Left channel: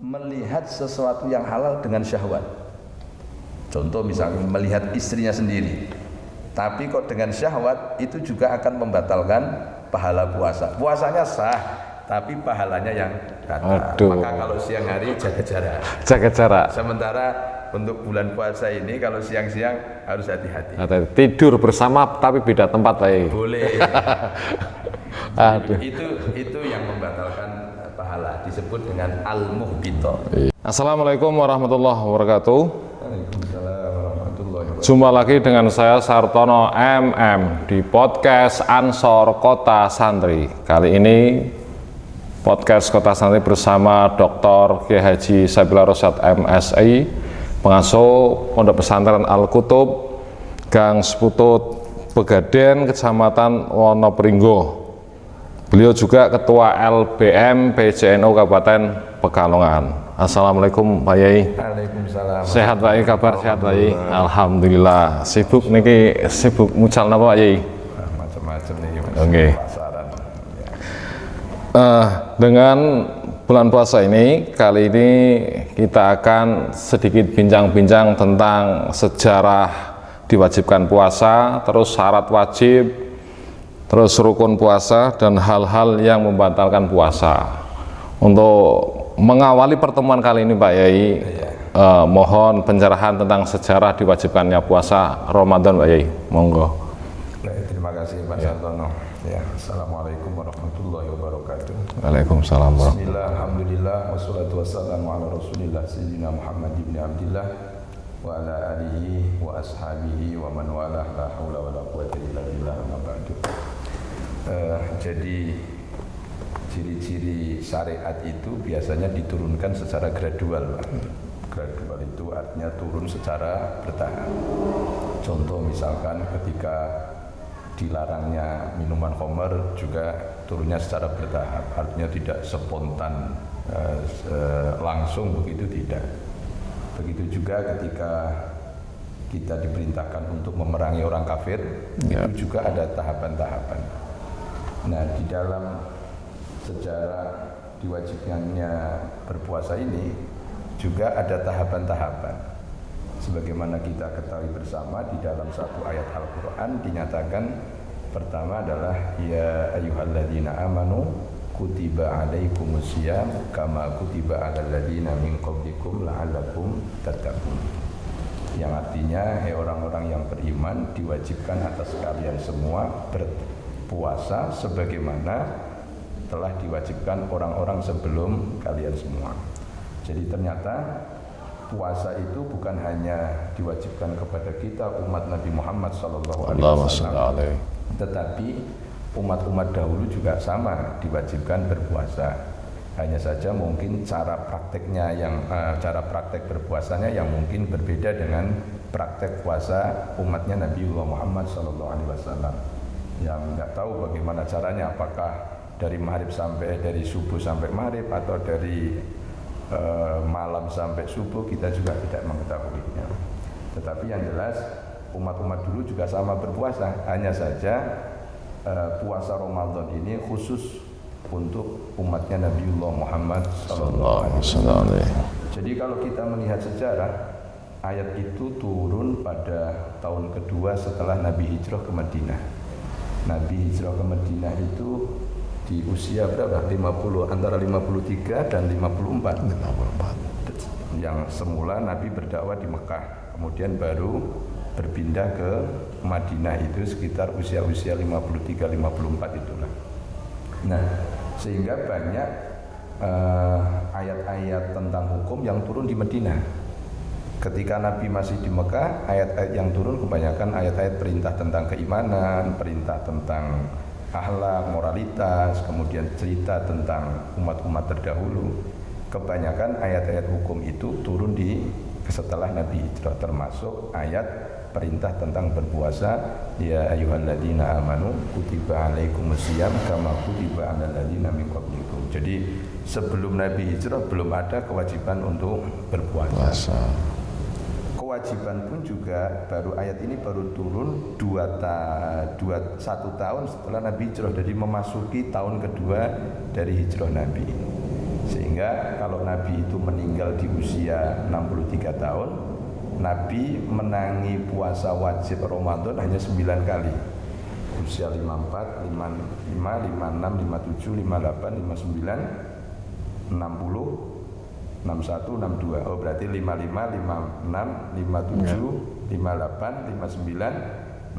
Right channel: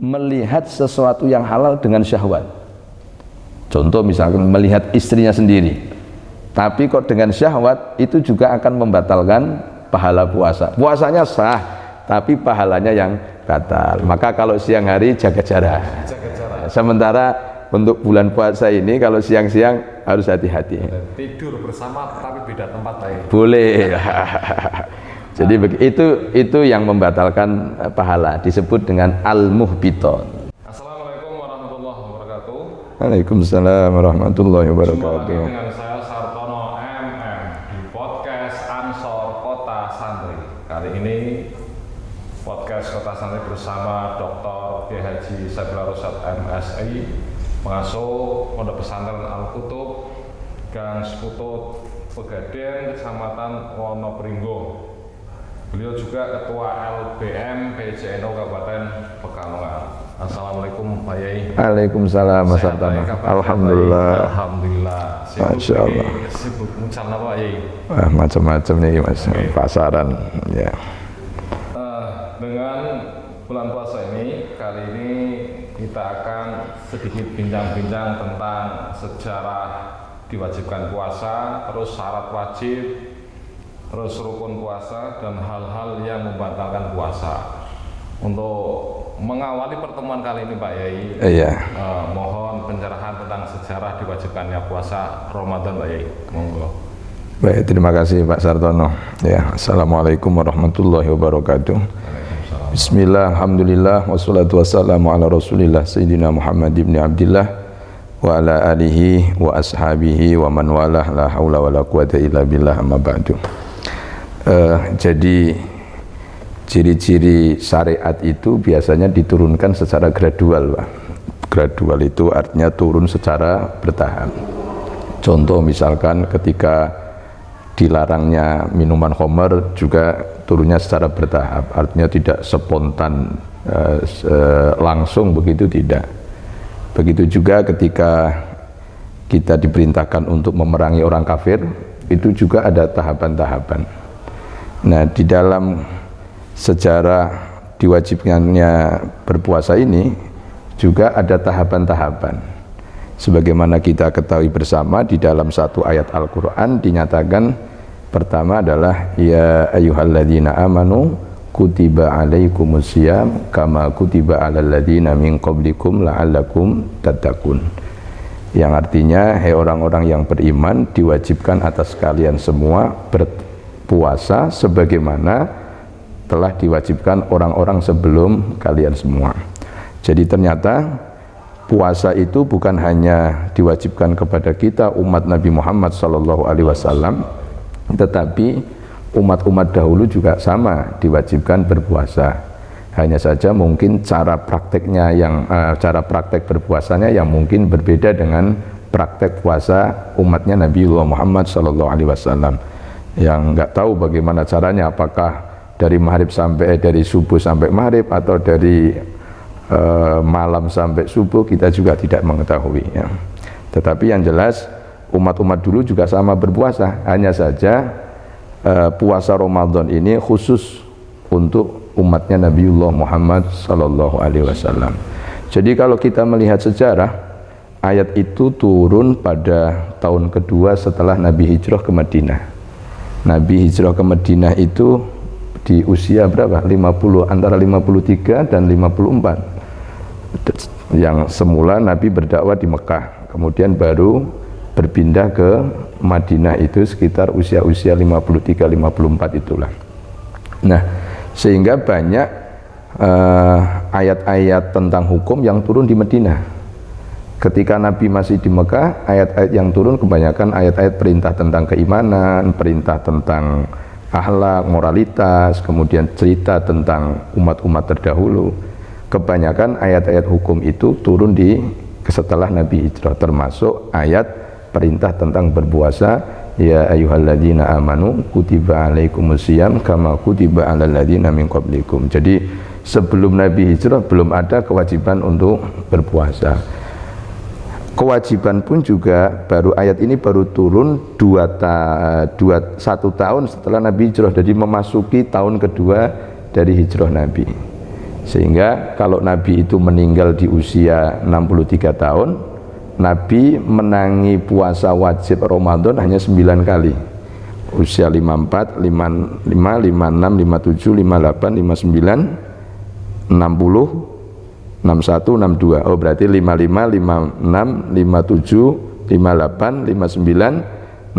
melihat sesuatu yang halal dengan syahwat. Contoh misalkan melihat istrinya sendiri, tapi kok dengan syahwat, itu juga akan membatalkan pahala puasa. Puasanya sah, tapi pahalanya yang batal. Maka kalau siang hari jaga jarak. Jaga jarak. Sementara untuk bulan puasa ini kalau siang-siang harus hati-hati. Tidur bersama tapi beda tempat, Pak. Boleh. Jadi itu yang membatalkan pahala, disebut dengan al-muhbitat. Assalamualaikum warahmatullahi wabarakatuh. Waalaikumsalam warahmatullahi wabarakatuh. Jumpa lagi dengan saya Sartono MM di podcast Ansor Kota Santri. Kali ini podcast Kota Santri bersama Dr. Kiai Haji Sabila Rosyad MSI, pengasuh Pondok Pesantren Al-Kutub, Gang Seputut, Pegaden, Kecamatan Wonopringgo. Beliau juga Ketua LBM PJNU Kabupaten Pekalongan. Assalamualaikum Pak Yai. Waalaikumsalam. Sehat Pak Yai, kabar? Alhamdulillah. Alhamdulillah. Sibuk niki, sibuk mucal napa Pak Yai? Macam-macam nih Mas. Okay. Pasaran. Ya. Dengan bulan puasa ini, kali ini kita akan sedikit bincang-bincang tentang sejarah diwajibkan puasa, terus syarat wajib, terus rukun puasa, dan hal-hal yang membatalkan puasa. Untuk mengawali pertemuan kali ini Pak Yai, mohon pencerahan tentang sejarah diwajibkannya puasa Ramadan Pak Yai, monggo. Baik, terima kasih Pak Sartono. Ya, Assalamualaikum warahmatullahi wabarakatuh. Waalaikumsalam. Bismillah, alhamdulillah, wassalatu wassalamu ala rasulillah Sayyidina Muhammad ibn Abdillah wa ala alihi wa ashabihi wa man walah, la hawla wa la quwata illa billah, amma ba'du. Jadi ciri-ciri syariat itu biasanya diturunkan secara gradual, Pak. Gradual itu artinya turun secara bertahap. Contoh misalkan ketika dilarangnya minuman khamr juga turunnya secara bertahap, artinya tidak spontan langsung begitu, tidak. Begitu juga ketika kita diperintahkan untuk memerangi orang kafir, itu juga ada tahapan-tahapan. Nah, di dalam sejarah diwajibkannya berpuasa ini juga ada tahapan-tahapan. Sebagaimana kita ketahui bersama, di dalam satu ayat Al-Quran dinyatakan pertama adalah ya ayyuhalladzina amanu kutiba alaikumusiyam kama kutiba alal ladzina min qablikum la'allakum tattaqun. Yang artinya, hai orang-orang yang beriman, diwajibkan atas kalian semua berpuasa sebagaimana telah diwajibkan orang-orang sebelum kalian semua. Jadi ternyata puasa itu bukan hanya diwajibkan kepada kita umat Nabi Muhammad SAW, tetapi umat-umat dahulu juga sama diwajibkan berpuasa. Hanya saja mungkin cara prakteknya cara praktek berpuasanya yang mungkin berbeda dengan praktek puasa umatnya Nabiullah Muhammad SAW, yang nggak tahu bagaimana caranya, apakah dari dari subuh sampai maghrib atau dari malam sampai subuh, kita juga tidak mengetahui ya. Tetapi yang jelas umat-umat dulu juga sama berpuasa, hanya saja puasa Ramadan ini khusus untuk umatnya Nabiullah Muhammad SAW. Jadi kalau kita melihat sejarah, ayat itu turun pada tahun kedua setelah Nabi hijrah ke Madinah. Nabi hijrah ke Madinah itu di usia berapa? 50, antara 53 dan 54. Yang semula Nabi berdakwah di Mekah, kemudian baru berpindah ke Madinah itu sekitar usia-usia 53-54 itulah. Nah, sehingga banyak ayat-ayat tentang hukum yang turun di Madinah. Ketika Nabi masih di Mekah, ayat-ayat yang turun kebanyakan ayat-ayat perintah tentang keimanan, perintah tentang akhlak, moralitas, kemudian cerita tentang umat-umat terdahulu. Kebanyakan ayat-ayat hukum itu turun setelah Nabi hijrah, termasuk ayat perintah tentang berpuasa, ya ayyuhalladzina amanu kutiba alaikumusiyam kama kutiba alal ladzina min qablikum. Jadi sebelum Nabi hijrah belum ada kewajiban untuk berpuasa. Kewajiban pun juga ayat ini baru turun satu tahun setelah Nabi hijrah, jadi memasuki tahun kedua dari hijrah Nabi. Sehingga kalau Nabi itu meninggal di usia 63 tahun, Nabi menangi puasa wajib Ramadan hanya 9 kali. Usia 54, 55, 56, 57, 58, 59, 60, 61, 62. Oh berarti 55, 56, 57, 58, 59, 60,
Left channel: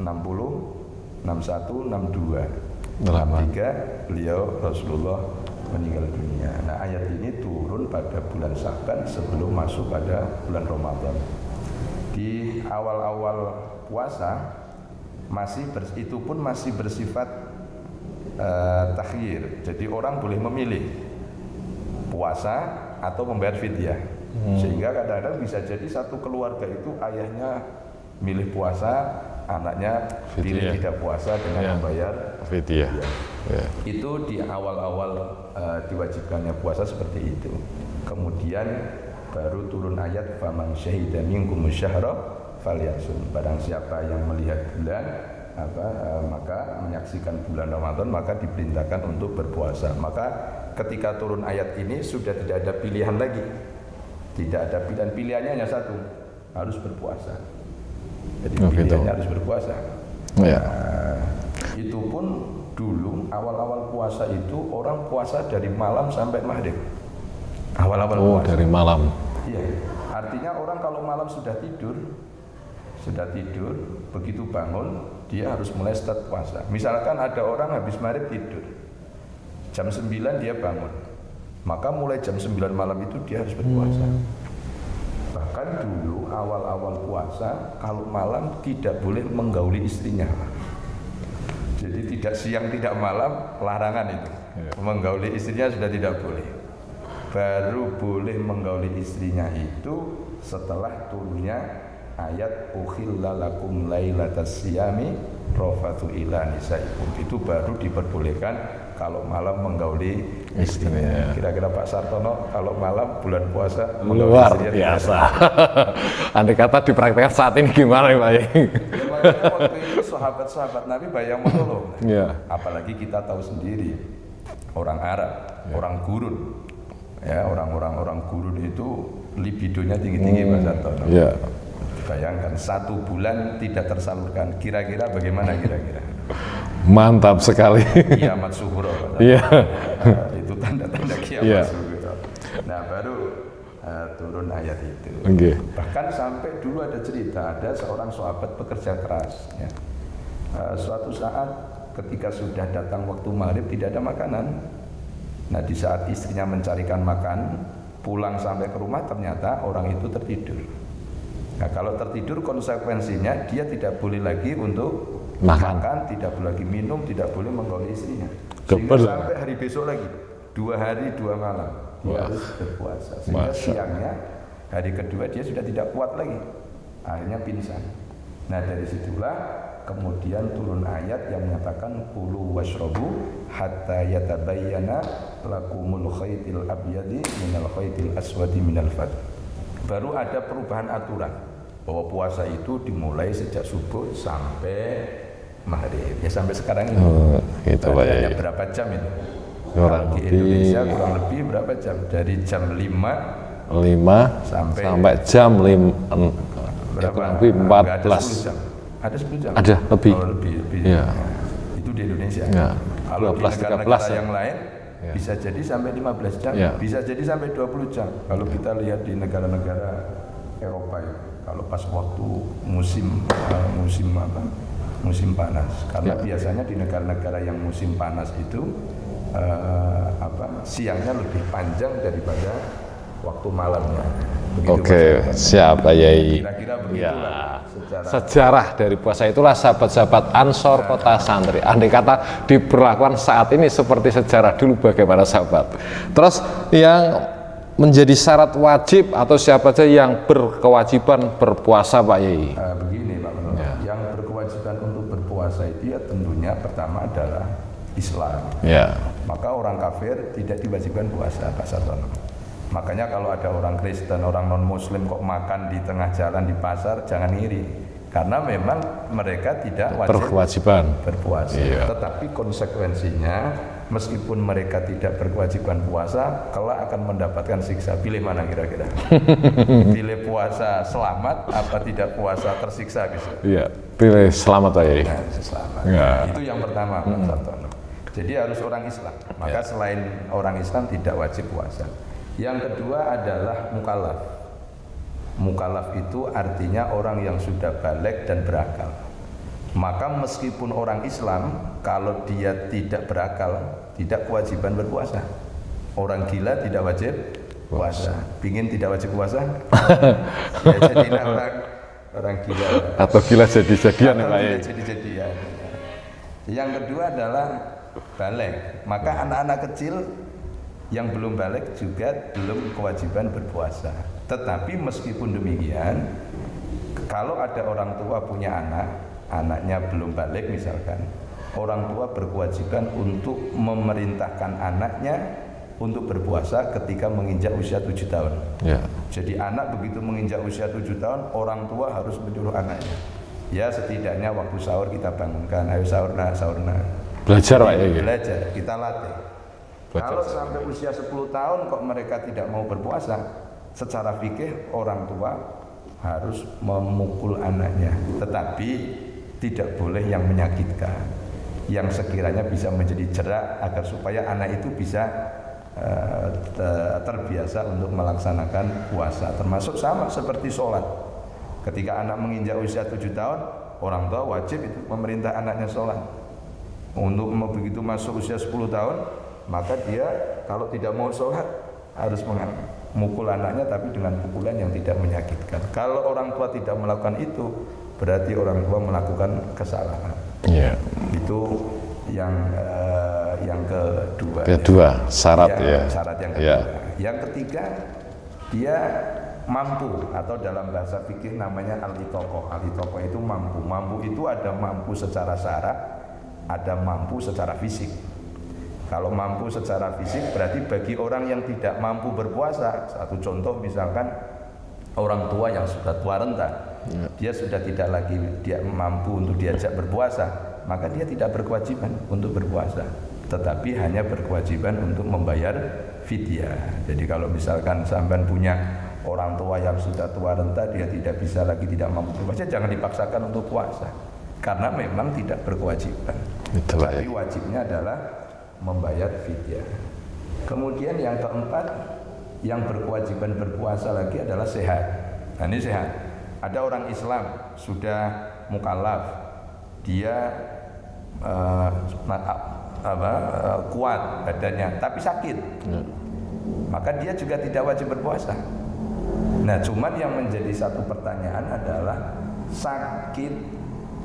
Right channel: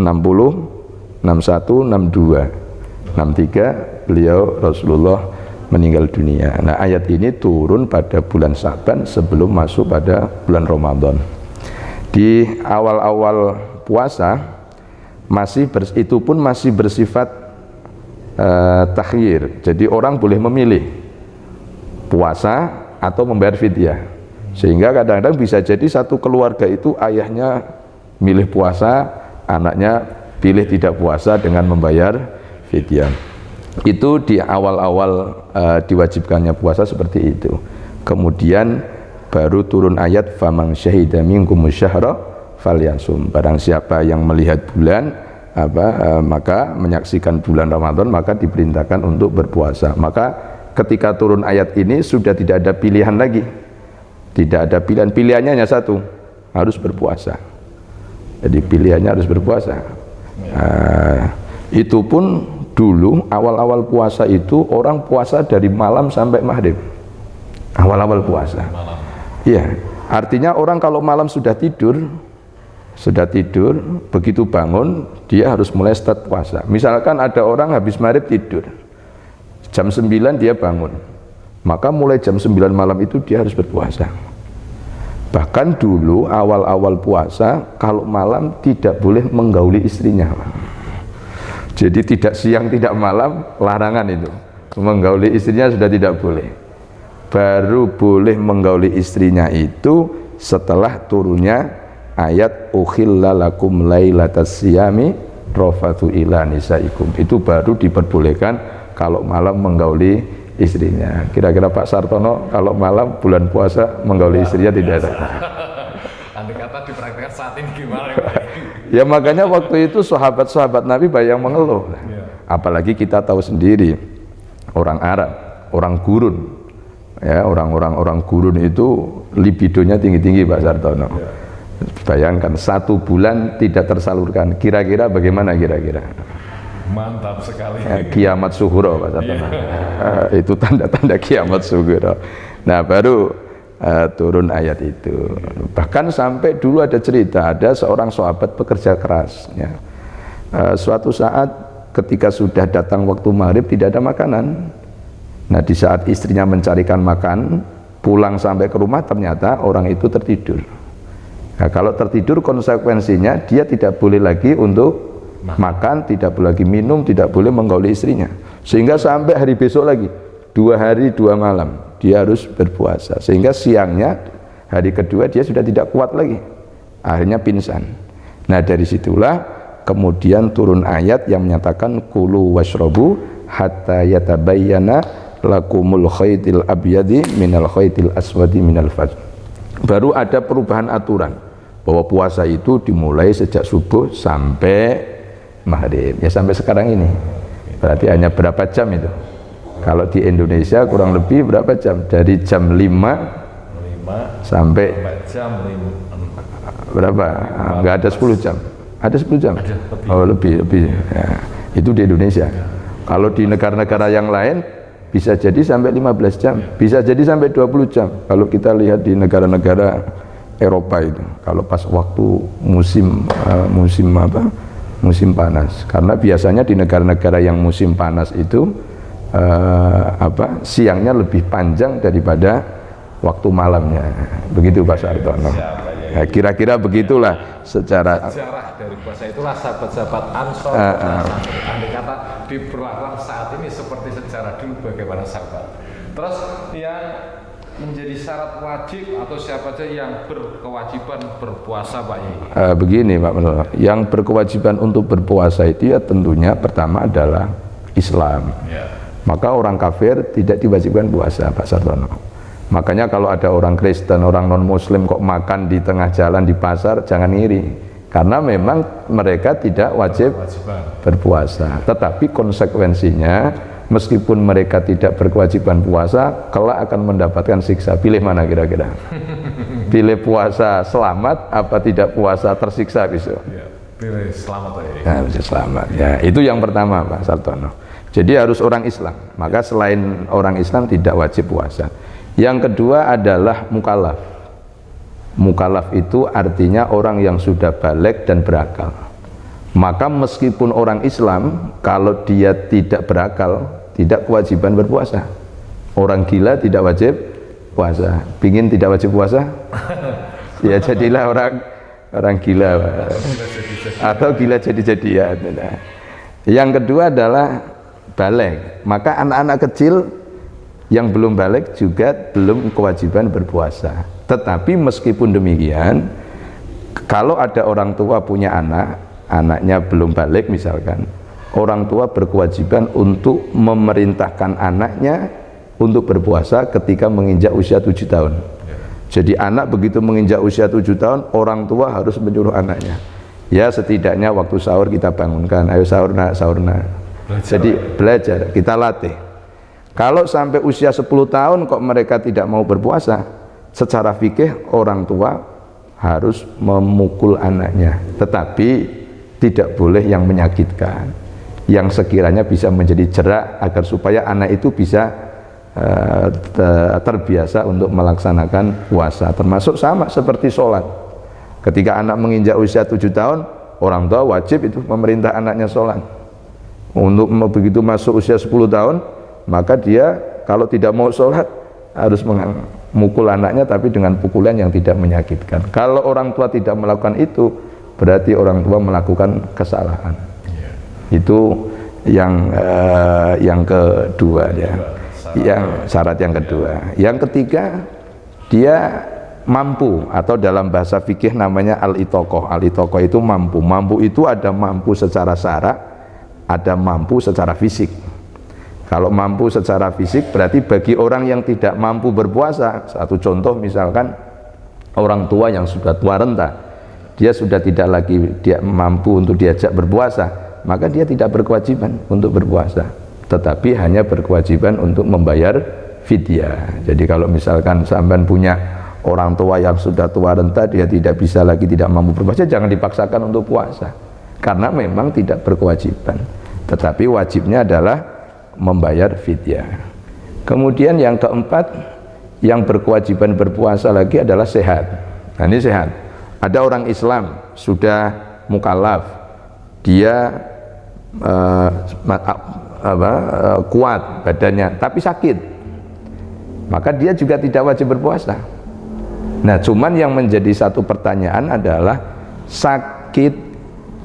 61, 62. 63 beliau Rasulullah meninggal dunia. Nah ayat ini turun pada bulan Sa'ban sebelum masuk pada bulan Ramadan. Di awal-awal puasa itu pun masih bersifat takhyir. Jadi orang boleh memilih puasa atau membayar fidyah. Sehingga kadang-kadang bisa jadi satu keluarga itu ayahnya milih puasa, anaknya pilih tidak puasa dengan membayar fidyah. Itu di awal-awal diwajibkannya puasa seperti itu. Kemudian baru turun ayat faman syahida minkum syahra falyasum. Barang siapa yang melihat bulan maka menyaksikan bulan Ramadan maka diperintahkan untuk berpuasa. Maka ketika turun ayat ini sudah tidak ada pilihan lagi. Tidak ada pilihan, pilihannya hanya satu, harus berpuasa. Jadi pilihannya harus berpuasa. Itu pun dulu awal-awal puasa itu orang puasa dari malam sampai maghrib. Awal-awal puasa. Dari malam. Iya, artinya orang kalau malam sudah tidur, begitu bangun dia harus mulai start puasa. Misalkan ada orang habis maghrib tidur, jam 9 dia bangun, maka mulai jam 9 malam itu dia harus berpuasa. Bahkan dulu awal-awal puasa kalau malam tidak boleh menggauli istrinya. Jadi tidak siang tidak malam, larangan itu. Menggauli istrinya sudah tidak boleh. Baru boleh menggauli istrinya itu setelah turunnya ayat ukhilla lakum lailatas siyami rafathu ila nisaikum. Itu baru diperbolehkan kalau malam menggauli istrinya. Kira-kira Pak Sartono kalau malam bulan puasa menggauli istrinya tidak ada. Andai kata dipraktekkan saat ini gimana ya Pak? Ya makanya waktu itu sahabat-sahabat Nabi banyak yang mengeluh. Apalagi kita tahu sendiri orang Arab, orang gurun. Ya, orang gurun itu libidonya tinggi-tinggi Pak Sartono. Bayangkan 1 bulan tidak tersalurkan. Kira-kira bagaimana kira-kira? Mantap sekali. Kiamat sughra Pak Sartono. Itu tanda-tanda kiamat sughra. Nah baru turun ayat itu. Bahkan sampai dulu ada cerita, ada seorang sahabat pekerja keras. Ya. Suatu saat ketika sudah datang waktu maghrib tidak ada makanan. Nah di saat istrinya mencarikan makan, pulang sampai ke rumah ternyata orang itu tertidur. Nah kalau tertidur konsekuensinya dia tidak boleh lagi untuk makan, tidak boleh lagi minum, tidak boleh menggauli istrinya. Sehingga sampai hari besok lagi 2 hari 2 malam dia harus berpuasa. Sehingga siangnya hari kedua dia sudah tidak kuat lagi, akhirnya pingsan. Nah dari situlah kemudian turun ayat yang menyatakan kulu washrabu hatta yatabayyana lakumul khaytil abyadi minal khaytil aswadi minal fajr. Baru ada perubahan aturan bahwa puasa itu dimulai sejak subuh sampai maghrib. Ya sampai sekarang ini. Berarti hanya berapa jam itu? Kalau di Indonesia kurang lebih berapa jam? Dari jam 5 sampai jam 5 berapa? Enggak ada 10 jam. Ada 10 jam? Ada, lebih. Oh, lebih. Ya. Itu di Indonesia. Kalau di negara-negara yang lain bisa jadi sampai 15 jam, bisa jadi sampai 20 jam. Kalau kita lihat di negara-negara Eropa itu, kalau pas waktu musim panas. Karena biasanya di negara-negara yang musim panas itu siangnya lebih panjang daripada waktu malamnya. Begitu Pak Sartono. Siap Pak Yai. Nah, kira-kira begitulah sejarah dari puasa itulah sahabat-sahabat Ansor Kota Santri. Andai kata diberlakukan saat ini seperti sejarah dulu bagaimana sahabat. Terus yang menjadi syarat wajib atau siapa saja yang berkewajiban berpuasa Pak Yai? Begini Pak Menurut, yang berkewajiban untuk berpuasa itu ya tentunya pertama adalah Islam. Maka orang kafir tidak diwajibkan puasa Pak Sartono. Makanya kalau ada orang Kristen, orang non-Muslim kok makan di tengah jalan di pasar, jangan ngiri. Karena memang mereka tidak wajib berpuasa. Tetapi konsekuensinya meskipun mereka tidak berkewajiban puasa, kelak akan mendapatkan siksa. Pilih mana kira-kira? Pilih puasa selamat apa tidak puasa tersiksa besok? Iya, pilih selamat aja. Harus selamat. Ya. Itu yang pertama, Mas Sartono. Jadi harus orang Islam. Maka selain orang Islam tidak wajib puasa. Yang kedua adalah mukallaf. Mukallaf itu artinya orang yang sudah baligh dan berakal. Maka meskipun orang Islam, kalau dia tidak berakal, tidak kewajiban berpuasa. Orang gila tidak wajib puasa. Pingin tidak wajib puasa? Ya jadilah orang gila. Atau gila jadi-jadian. Atau gila jadi-jadian. Yang kedua adalah baligh. Maka anak-anak kecil yang belum baligh juga belum kewajiban berpuasa. Tetapi meskipun demikian, kalau ada orang tua punya anak, anaknya belum balik misalkan, orang tua berkewajiban untuk memerintahkan anaknya untuk berpuasa ketika menginjak usia 7 tahun. Ya. Jadi anak begitu menginjak usia 7 tahun, orang tua harus menyuruh anaknya. Ya setidaknya waktu sahur kita bangunkan, ayo sahur nak, sahur nak. Belajar. Jadi belajar, kita latih. Kalau sampai usia 10 tahun kok mereka tidak mau berpuasa, secara fikih orang tua harus memukul anaknya. Tetapi tidak boleh yang menyakitkan, yang sekiranya bisa menjadi jerak agar supaya anak itu bisa terbiasa untuk melaksanakan puasa. Termasuk sama seperti sholat. Ketika anak menginjak usia 7 tahun, orang tua wajib itu memerintah anaknya sholat. Untuk begitu masuk usia 10 tahun, maka dia kalau tidak mau sholat harus memukul anaknya, tapi dengan pukulan yang tidak menyakitkan. Kalau orang tua tidak melakukan itu, berarti orang tua melakukan kesalahan. Yeah. Itu yang kedua. Syarat yang kedua. Yang ketiga, dia mampu, atau dalam bahasa fikih namanya al-itoqoh. Al-itoqoh itu mampu. Mampu itu ada mampu secara syarak, ada mampu secara fisik. Kalau mampu secara fisik berarti bagi orang yang tidak mampu berpuasa, satu contoh misalkan orang tua yang sudah tua renta, dia sudah tidak lagi dia mampu untuk diajak berpuasa, maka dia tidak berkewajiban untuk berpuasa, tetapi hanya berkewajiban untuk membayar fidyah. Jadi kalau misalkan sampean punya orang tua yang sudah tua renta, dia tidak bisa lagi, tidak mampu berpuasa, jangan dipaksakan untuk puasa, karena memang tidak berkewajiban. Tetapi wajibnya adalah membayar fidyah. Kemudian yang keempat, yang berkewajiban berpuasa lagi adalah sehat. Nah ini sehat. Ada orang Islam sudah mukallaf, dia kuat badannya, tapi sakit, maka dia juga tidak wajib berpuasa. Nah cuman yang menjadi satu pertanyaan adalah sakit,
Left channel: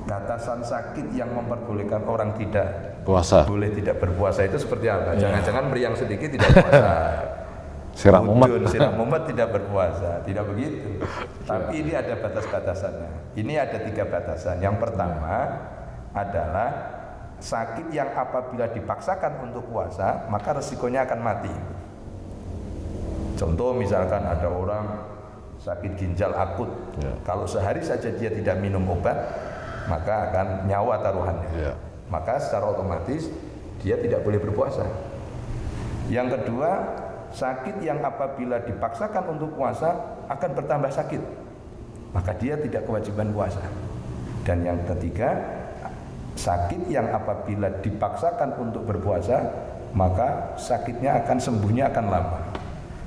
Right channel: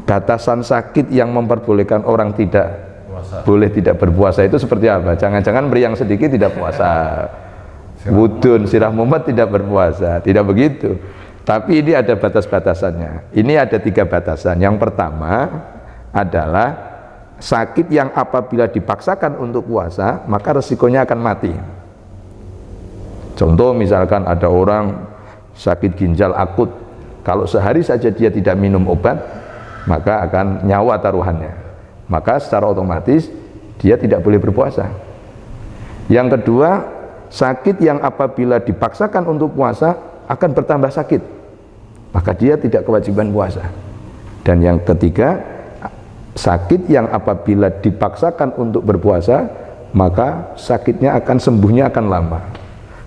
batasan sakit yang memperbolehkan orang tidak puasa, boleh tidak berpuasa itu seperti apa? Jangan-jangan meriang sedikit tidak puasa, budun, sirah mumet tidak berpuasa, tidak begitu. Tapi ini ada batas-batasannya. Ini ada 3 batasan. Yang pertama adalah sakit yang apabila dipaksakan untuk puasa, maka resikonya akan mati. Contoh misalkan ada orang sakit ginjal akut, kalau sehari saja dia tidak minum obat, maka akan nyawa taruhannya. Maka secara otomatis dia tidak boleh berpuasa. Yang kedua, sakit yang apabila dipaksakan untuk puasa akan bertambah sakit, maka dia tidak kewajiban puasa. Dan yang ketiga, sakit yang apabila dipaksakan untuk berpuasa, maka sakitnya akan sembuhnya akan lama.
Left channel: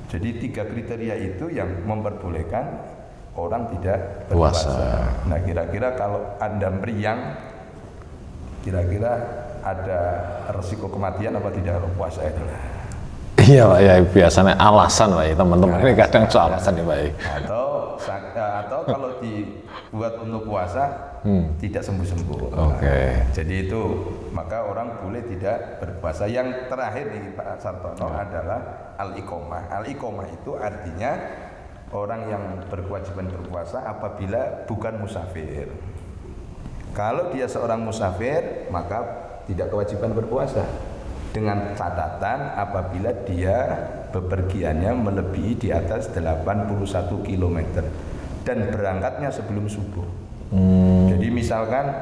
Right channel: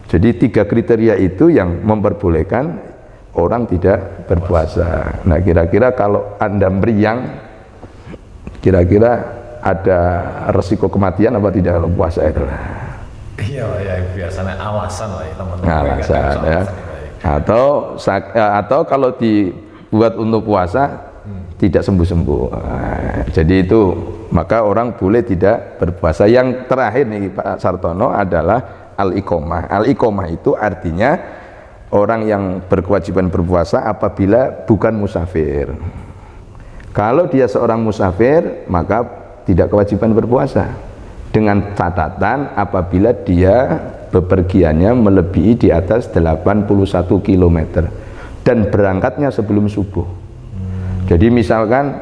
Jadi 3 kriteria itu yang memperbolehkan orang tidak berpuasa. Nah kira-kira kalau Anda meriang, kira-kira ada resiko kematian apa tidak kalau puasa itu? Iya Pak, ya biasanya alasan Pak, teman-teman ini kadang soal alasan ya Pak. Atau kalau dibuat untuk puasa tidak sembuh-sembuh. Jadi itu maka orang boleh tidak berpuasa. Yang terakhir nih Pak Sartono adalah al-iqomah. Al-iqomah itu artinya orang yang berkewajiban berpuasa apabila bukan musafir. Kalau dia seorang musafir, maka tidak kewajiban berpuasa. Dengan catatan apabila dia bepergiannya melebihi di atas 81 km dan berangkatnya sebelum subuh. Jadi misalkan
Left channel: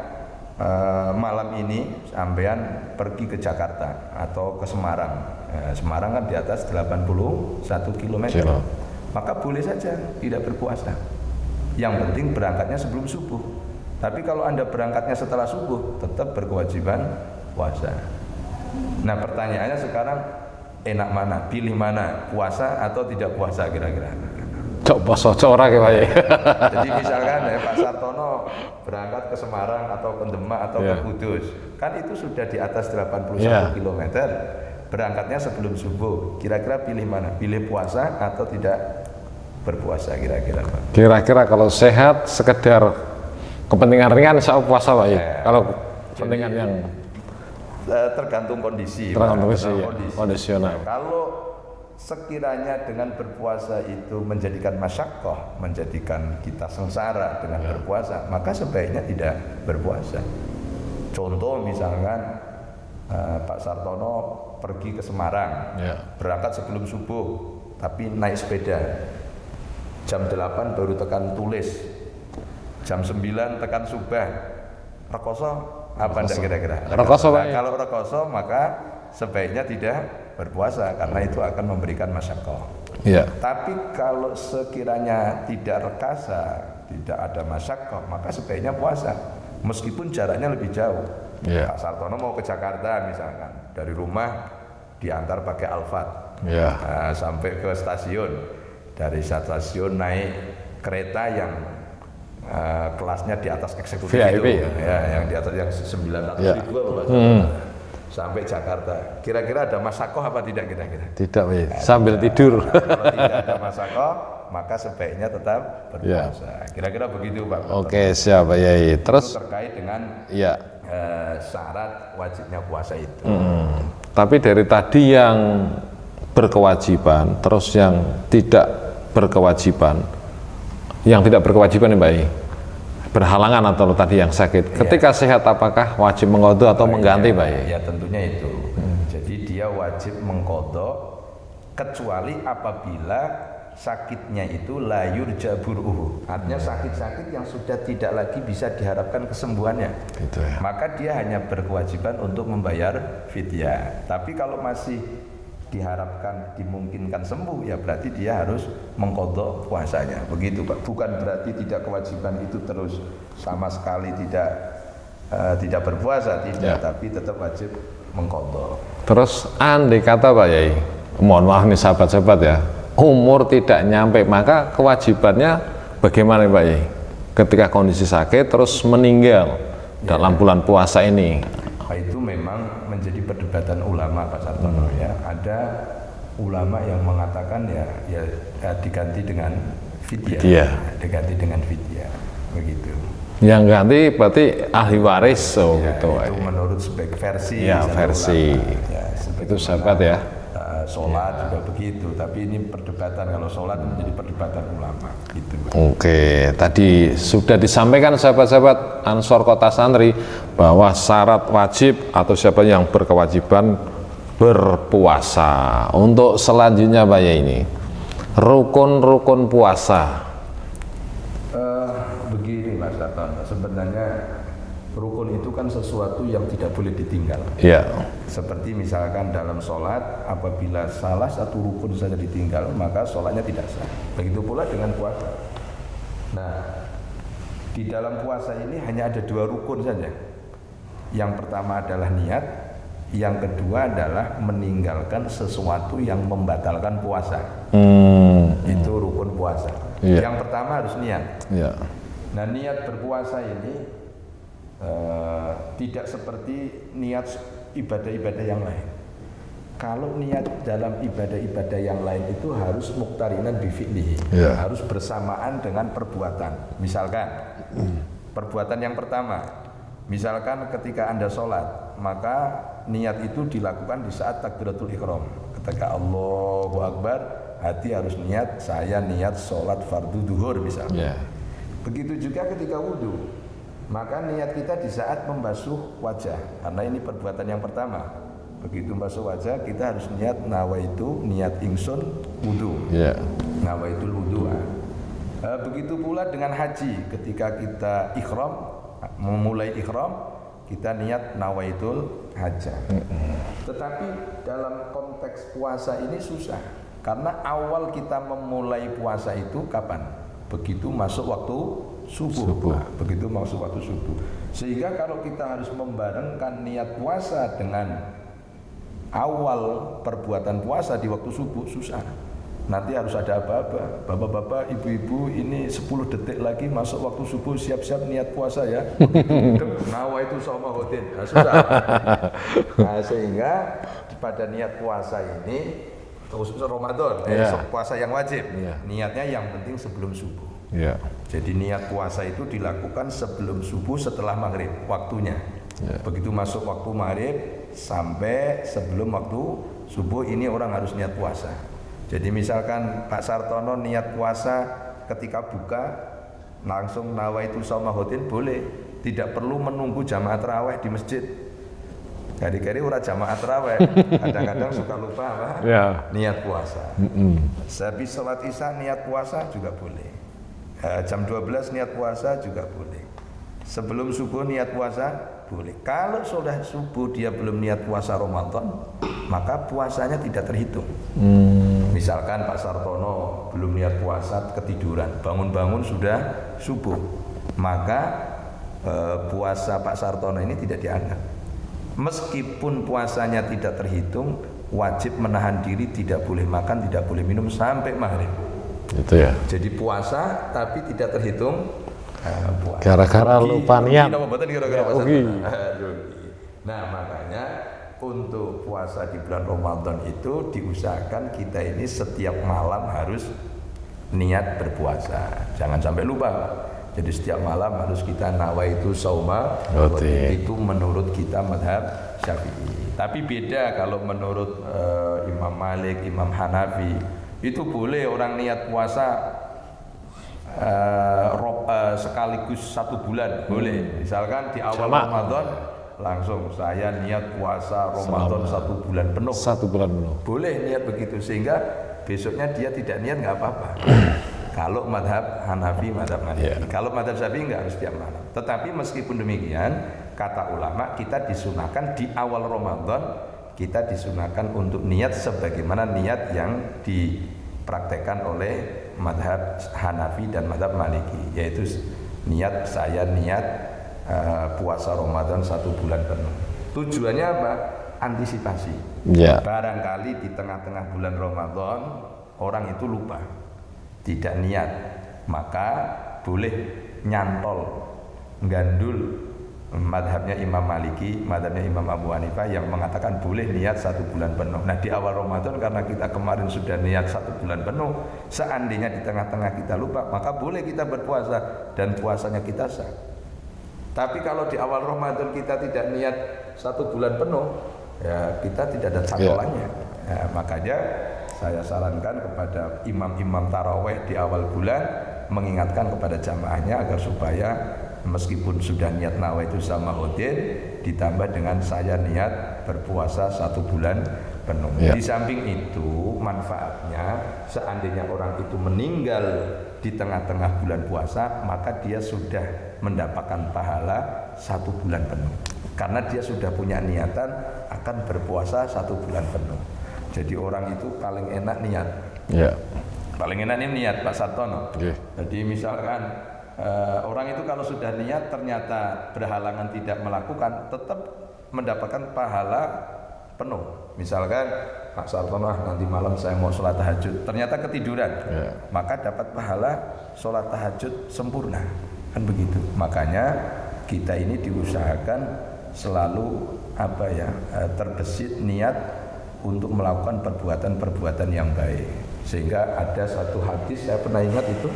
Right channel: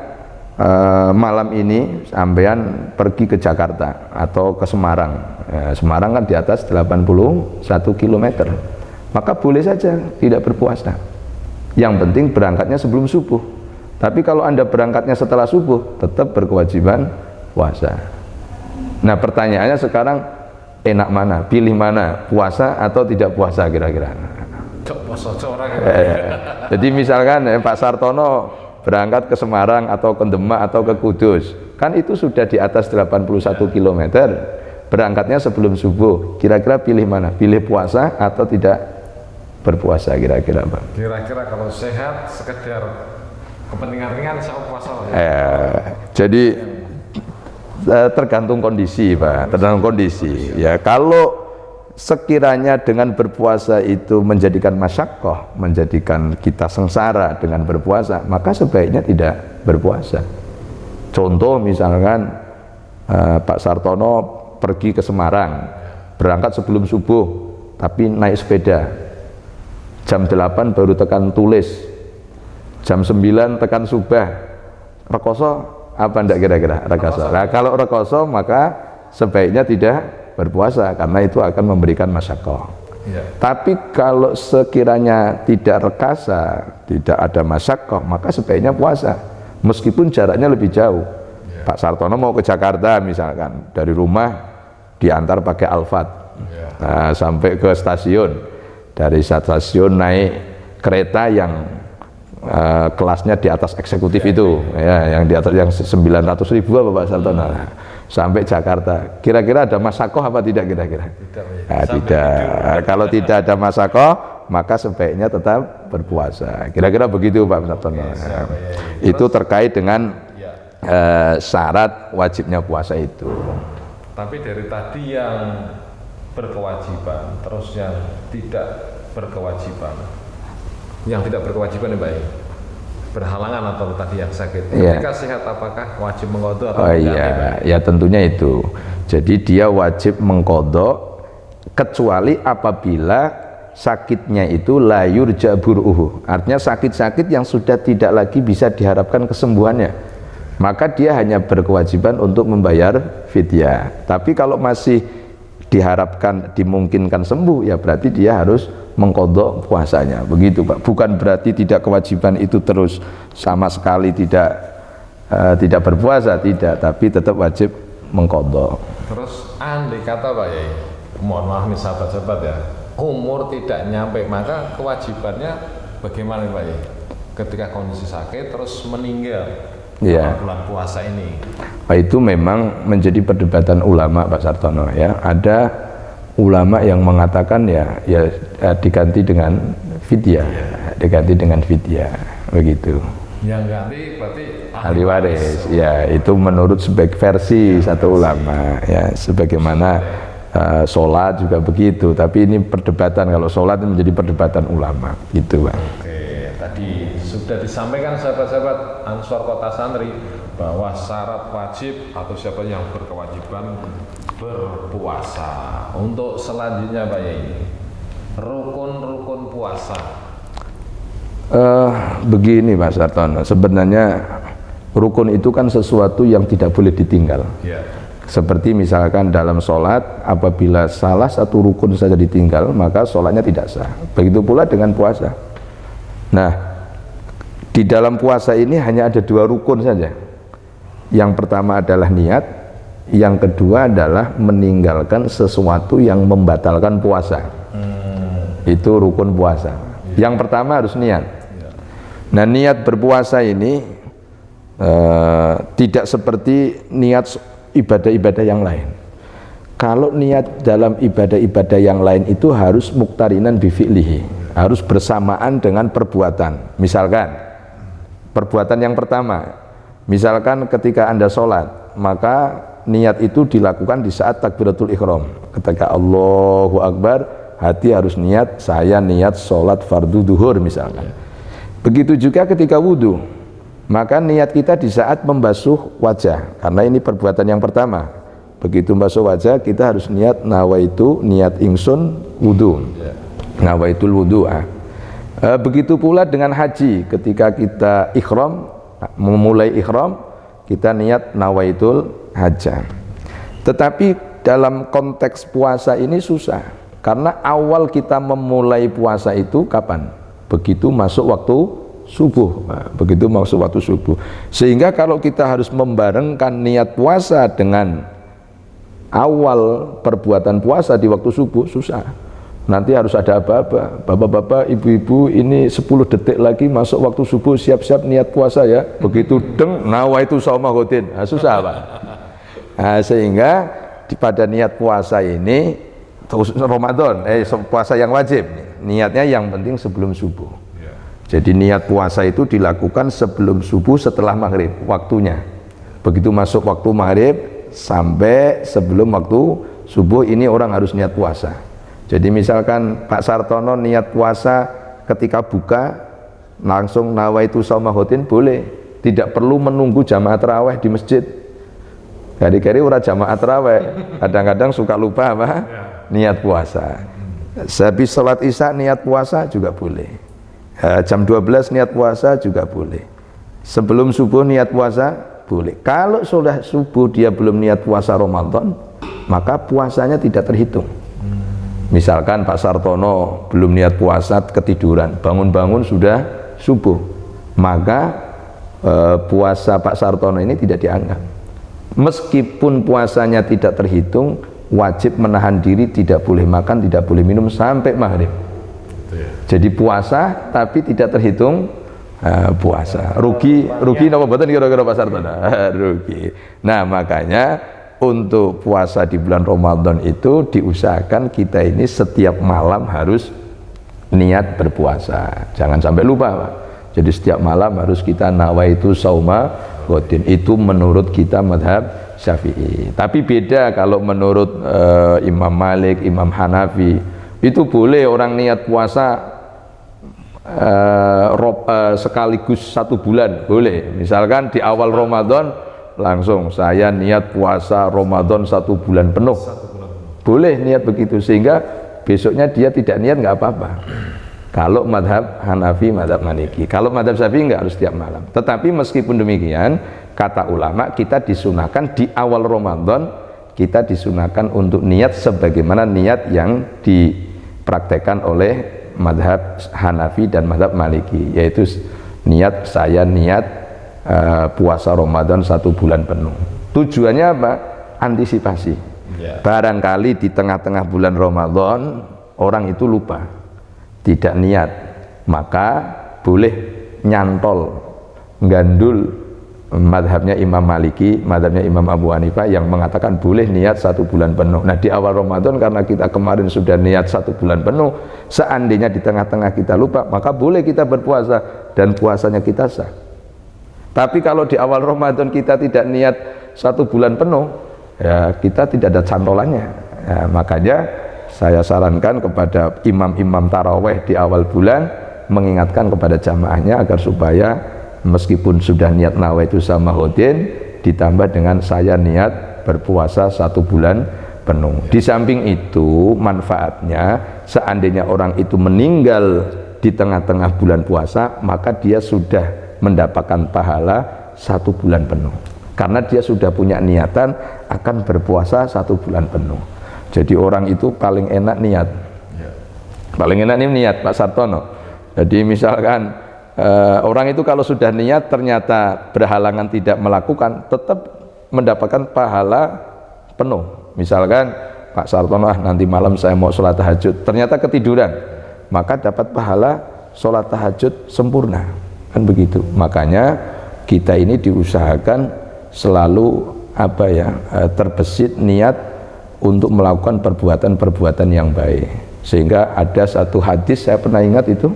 malam ini sampean pergi ke Jakarta atau ke Semarang. Semarang kan di atas 81 km. Maka boleh saja tidak berpuasa. Yang penting berangkatnya sebelum subuh. Tapi kalau Anda berangkatnya setelah subuh, tetap berkewajiban puasa. Nah, pertanyaannya sekarang enak mana? Pilih mana? Puasa atau tidak puasa kira-kira? Poso ora kayak. Jadi misalkan Pak Sartono berangkat ke Semarang atau ke Demak atau ke Kudus, kan itu sudah di atas 81 km, berangkatnya sebelum subuh, kira-kira pilih mana? Pilih puasa atau tidak berpuasa kira-kira Pak? Kira-kira kalau sehat sekedar kepentingan ringan saya puasa Pak ya? Kalau jadi tergantung kondisi Pak, tergantung kondisi. Ya, kalau sekiranya dengan berpuasa itu menjadikan masyaqqah, menjadikan kita sengsara dengan berpuasa, maka sebaiknya tidak berpuasa. Contoh misalkan Pak Sartono pergi ke Semarang, berangkat sebelum subuh, tapi naik sepeda. Jam 8 baru tekan Tulis, jam 9 tekan Subah. Rekoso apa enggak kira-kira? Rekoso. Nah, kalau rekoso maka sebaiknya tidak berpuasa karena itu akan memberikan masyaqqah. Tapi kalau sekiranya tidak rekasa, tidak ada masyaqqah, maka sebaiknya puasa meskipun jaraknya lebih jauh. Pak Sartono mau ke Jakarta misalkan, dari rumah diantar pakai Alphard, nah, sampai ke stasiun, dari stasiun naik kereta yang kelasnya di atas eksekutif VIP, itu yang di atas yang 900.000 apa Pak Sartono, sampai Jakarta. Kira-kira ada masyaqqah apa tidak kira-kira? Tidak, sambil tidak. Tidur. Nah, kalau tidak ada masyaqqah, maka sebaiknya tetap berpuasa. Kira-kira begitu Pak Sartono. Oke, siap ya. Itu terkait dengan syarat wajibnya puasa itu. Tapi dari tadi yang berkewajiban, terus yang tidak berkewajiban, yang tidak berkewajiban ya Mbak, berhalangan atau tadi yang sakit, ketika sehat apakah wajib mengqadha atau mengganti Mbak? Ya tentunya itu. Jadi dia wajib mengqadha kecuali apabila sakitnya itu la yurja bur'uhu, artinya sakit-sakit yang sudah tidak lagi bisa diharapkan kesembuhannya, maka dia hanya berkewajiban untuk membayar fidyah. Tapi kalau masih diharapkan dimungkinkan sembuh, ya berarti dia harus mengqadha puasanya, begitu Pak. Bukan berarti tidak kewajiban itu terus sama sekali tidak berpuasa, tidak, tapi tetap wajib mengqadha. Terus andai kata Pak Yai, mohon maaf nih sahabat-sahabat ya, umur tidak nyampe, maka kewajibannya bagaimana Pak Yai ketika kondisi sakit terus meninggal dalam bulan puasa ini? Itu memang menjadi perdebatan ulama Pak Sartono ya. Ada ulama yang mengatakan ya diganti dengan fidyah, diganti dengan fidyah, begitu. Yang ganti berarti ahli waris. Itu menurut sebagai versi satu ulama ya, sebagaimana sholat juga begitu, tapi ini perdebatan, kalau sholat ini menjadi perdebatan ulama gitu Pak. Oke, tadi sudah disampaikan sahabat-sahabat Ansor Kota Santri bahwa syarat wajib atau siapa yang berkewajiban berpuasa. Untuk selanjutnya Pak ya, ini rukun-rukun puasa. Begini Pak Sartono, sebenarnya rukun itu kan sesuatu yang tidak boleh ditinggal. Seperti misalkan dalam sholat, apabila salah satu rukun saja ditinggal, maka sholatnya tidak sah. Begitu pula dengan puasa. Nah, di dalam puasa ini hanya ada 2 rukun saja. Yang pertama adalah niat, yang kedua adalah meninggalkan sesuatu yang membatalkan puasa. Itu rukun puasa. Yang pertama harus niat. Nah, niat berpuasa ini tidak seperti niat ibadah-ibadah yang lain. Kalau niat dalam ibadah-ibadah yang lain itu harus muqtarinan bi fi'lihi, harus bersamaan dengan perbuatan. Misalkan perbuatan yang pertama, misalkan ketika Anda sholat, maka niat itu dilakukan di saat takbiratul ihram. Ketika Allahu Akbar, hati harus niat, saya niat sholat fardu duhur misalnya. Begitu juga ketika wudhu, maka niat kita di saat membasuh wajah, karena ini perbuatan yang pertama. Begitu membasuh wajah, kita harus niat nawaitu, niat ingsun wudhu, nawaitul wudhu. Begitu pula dengan haji, ketika kita ihram, memulai ihram, kita niat nawaitul hajjah. Tetapi dalam konteks puasa ini susah, karena awal kita memulai puasa itu kapan? Begitu masuk waktu subuh. Nah, begitu masuk waktu subuh. Sehingga kalau kita harus membarengkan niat puasa dengan awal perbuatan puasa di waktu subuh, susah. Nanti harus ada apa-apa, bapak-bapak, ibu-ibu, ini 10 detik lagi masuk waktu subuh, siap-siap niat puasa ya. Begitu deng, nawaitu shauma ghadin. Nah, susah Pak. Nah, sehingga pada niat puasa ini Ramadan, puasa yang wajib, niatnya yang penting sebelum subuh. Jadi niat puasa itu dilakukan sebelum subuh, setelah maghrib waktunya. Begitu masuk waktu maghrib sampai sebelum waktu subuh, ini orang harus niat puasa. Jadi misalkan Pak Sartono niat puasa ketika buka langsung nawaitu shauma ghadin boleh, tidak perlu menunggu jamaah tarawih di masjid. Kali-kali orang jamaah tarawih kadang-kadang suka lupa apa? Niat puasa. Habis sholat isya niat puasa juga boleh. Jam 12 niat puasa juga boleh. Sebelum subuh niat puasa boleh. Kalau sudah subuh dia belum niat puasa Ramadan, maka puasanya tidak terhitung. Misalkan Pak Sartono belum niat puasa, ketiduran, bangun-bangun sudah subuh, maka puasa Pak Sartono ini tidak dianggap. Meskipun puasanya tidak terhitung, wajib menahan diri, tidak boleh makan, tidak boleh minum sampai maghrib. Itu ya. Jadi puasa tapi tidak terhitung puasa. Rugi napa mboten kira-kira Pak Sartono? Rugi. Nah, makanya untuk puasa di bulan Ramadan itu diusahakan kita ini setiap malam harus niat berpuasa. Jangan sampai lupa, Pak. Jadi setiap malam harus kita nawaitu shauma ghadin. Itu menurut kita mazhab Syafi'i. Tapi beda kalau menurut Imam Malik, Imam Hanafi. Itu boleh orang niat puasa sekaligus 1 bulan, boleh. Misalkan di awal Ramadan langsung saya niat puasa Ramadan 1 bulan penuh. 1 bulan penuh. Boleh niat begitu, sehingga besoknya dia tidak niat nggak apa-apa. Kalau madhab Hanafi, madhab Maliki. Kalau madhab Syafi'i nggak harus tiap malam. Tetapi meskipun demikian, kata ulama kita disunahkan di awal Ramadan, kita disunahkan untuk niat sebagaimana niat yang dipraktekkan oleh madhab Hanafi dan madhab Maliki, yaitu niat saya niat puasa Ramadan 1 bulan penuh. Tujuannya apa? Antisipasi. Barangkali di tengah-tengah bulan Ramadan orang itu lupa, tidak niat, maka boleh nyantol, gandul madhabnya Imam Maliki, madhabnya Imam Abu Hanifah yang mengatakan boleh niat 1 bulan penuh. Nah, di awal Ramadan karena kita kemarin sudah niat 1 bulan penuh, seandainya di tengah-tengah kita lupa, maka boleh kita berpuasa dan puasanya kita sah. Tapi kalau di awal Ramadan kita tidak niat 1 bulan penuh, ya kita tidak ada cantolannya. Ya, makanya saya sarankan kepada imam-imam taraweh di awal bulan mengingatkan kepada jamaahnya agar supaya meskipun sudah niat nawaitu shauma ghadin ditambah dengan saya niat berpuasa 1 bulan penuh. Di samping itu manfaatnya seandainya orang itu meninggal di tengah-tengah bulan puasa, maka dia sudah mendapatkan pahala 1 bulan penuh karena dia sudah punya niatan akan berpuasa 1 bulan penuh. Jadi orang itu paling enak niat. Paling enak ini niat Pak Sartono. Jadi misalkan orang itu kalau sudah niat ternyata berhalangan tidak melakukan, tetap mendapatkan pahala penuh. Misalkan Pak Sartono, nanti malam saya mau sholat tahajud, ternyata ketiduran, maka dapat pahala sholat tahajud sempurna. Kan begitu. Makanya kita ini diusahakan selalu terbesit niat untuk melakukan perbuatan-perbuatan yang baik. Sehingga ada satu hadis saya pernah ingat itu,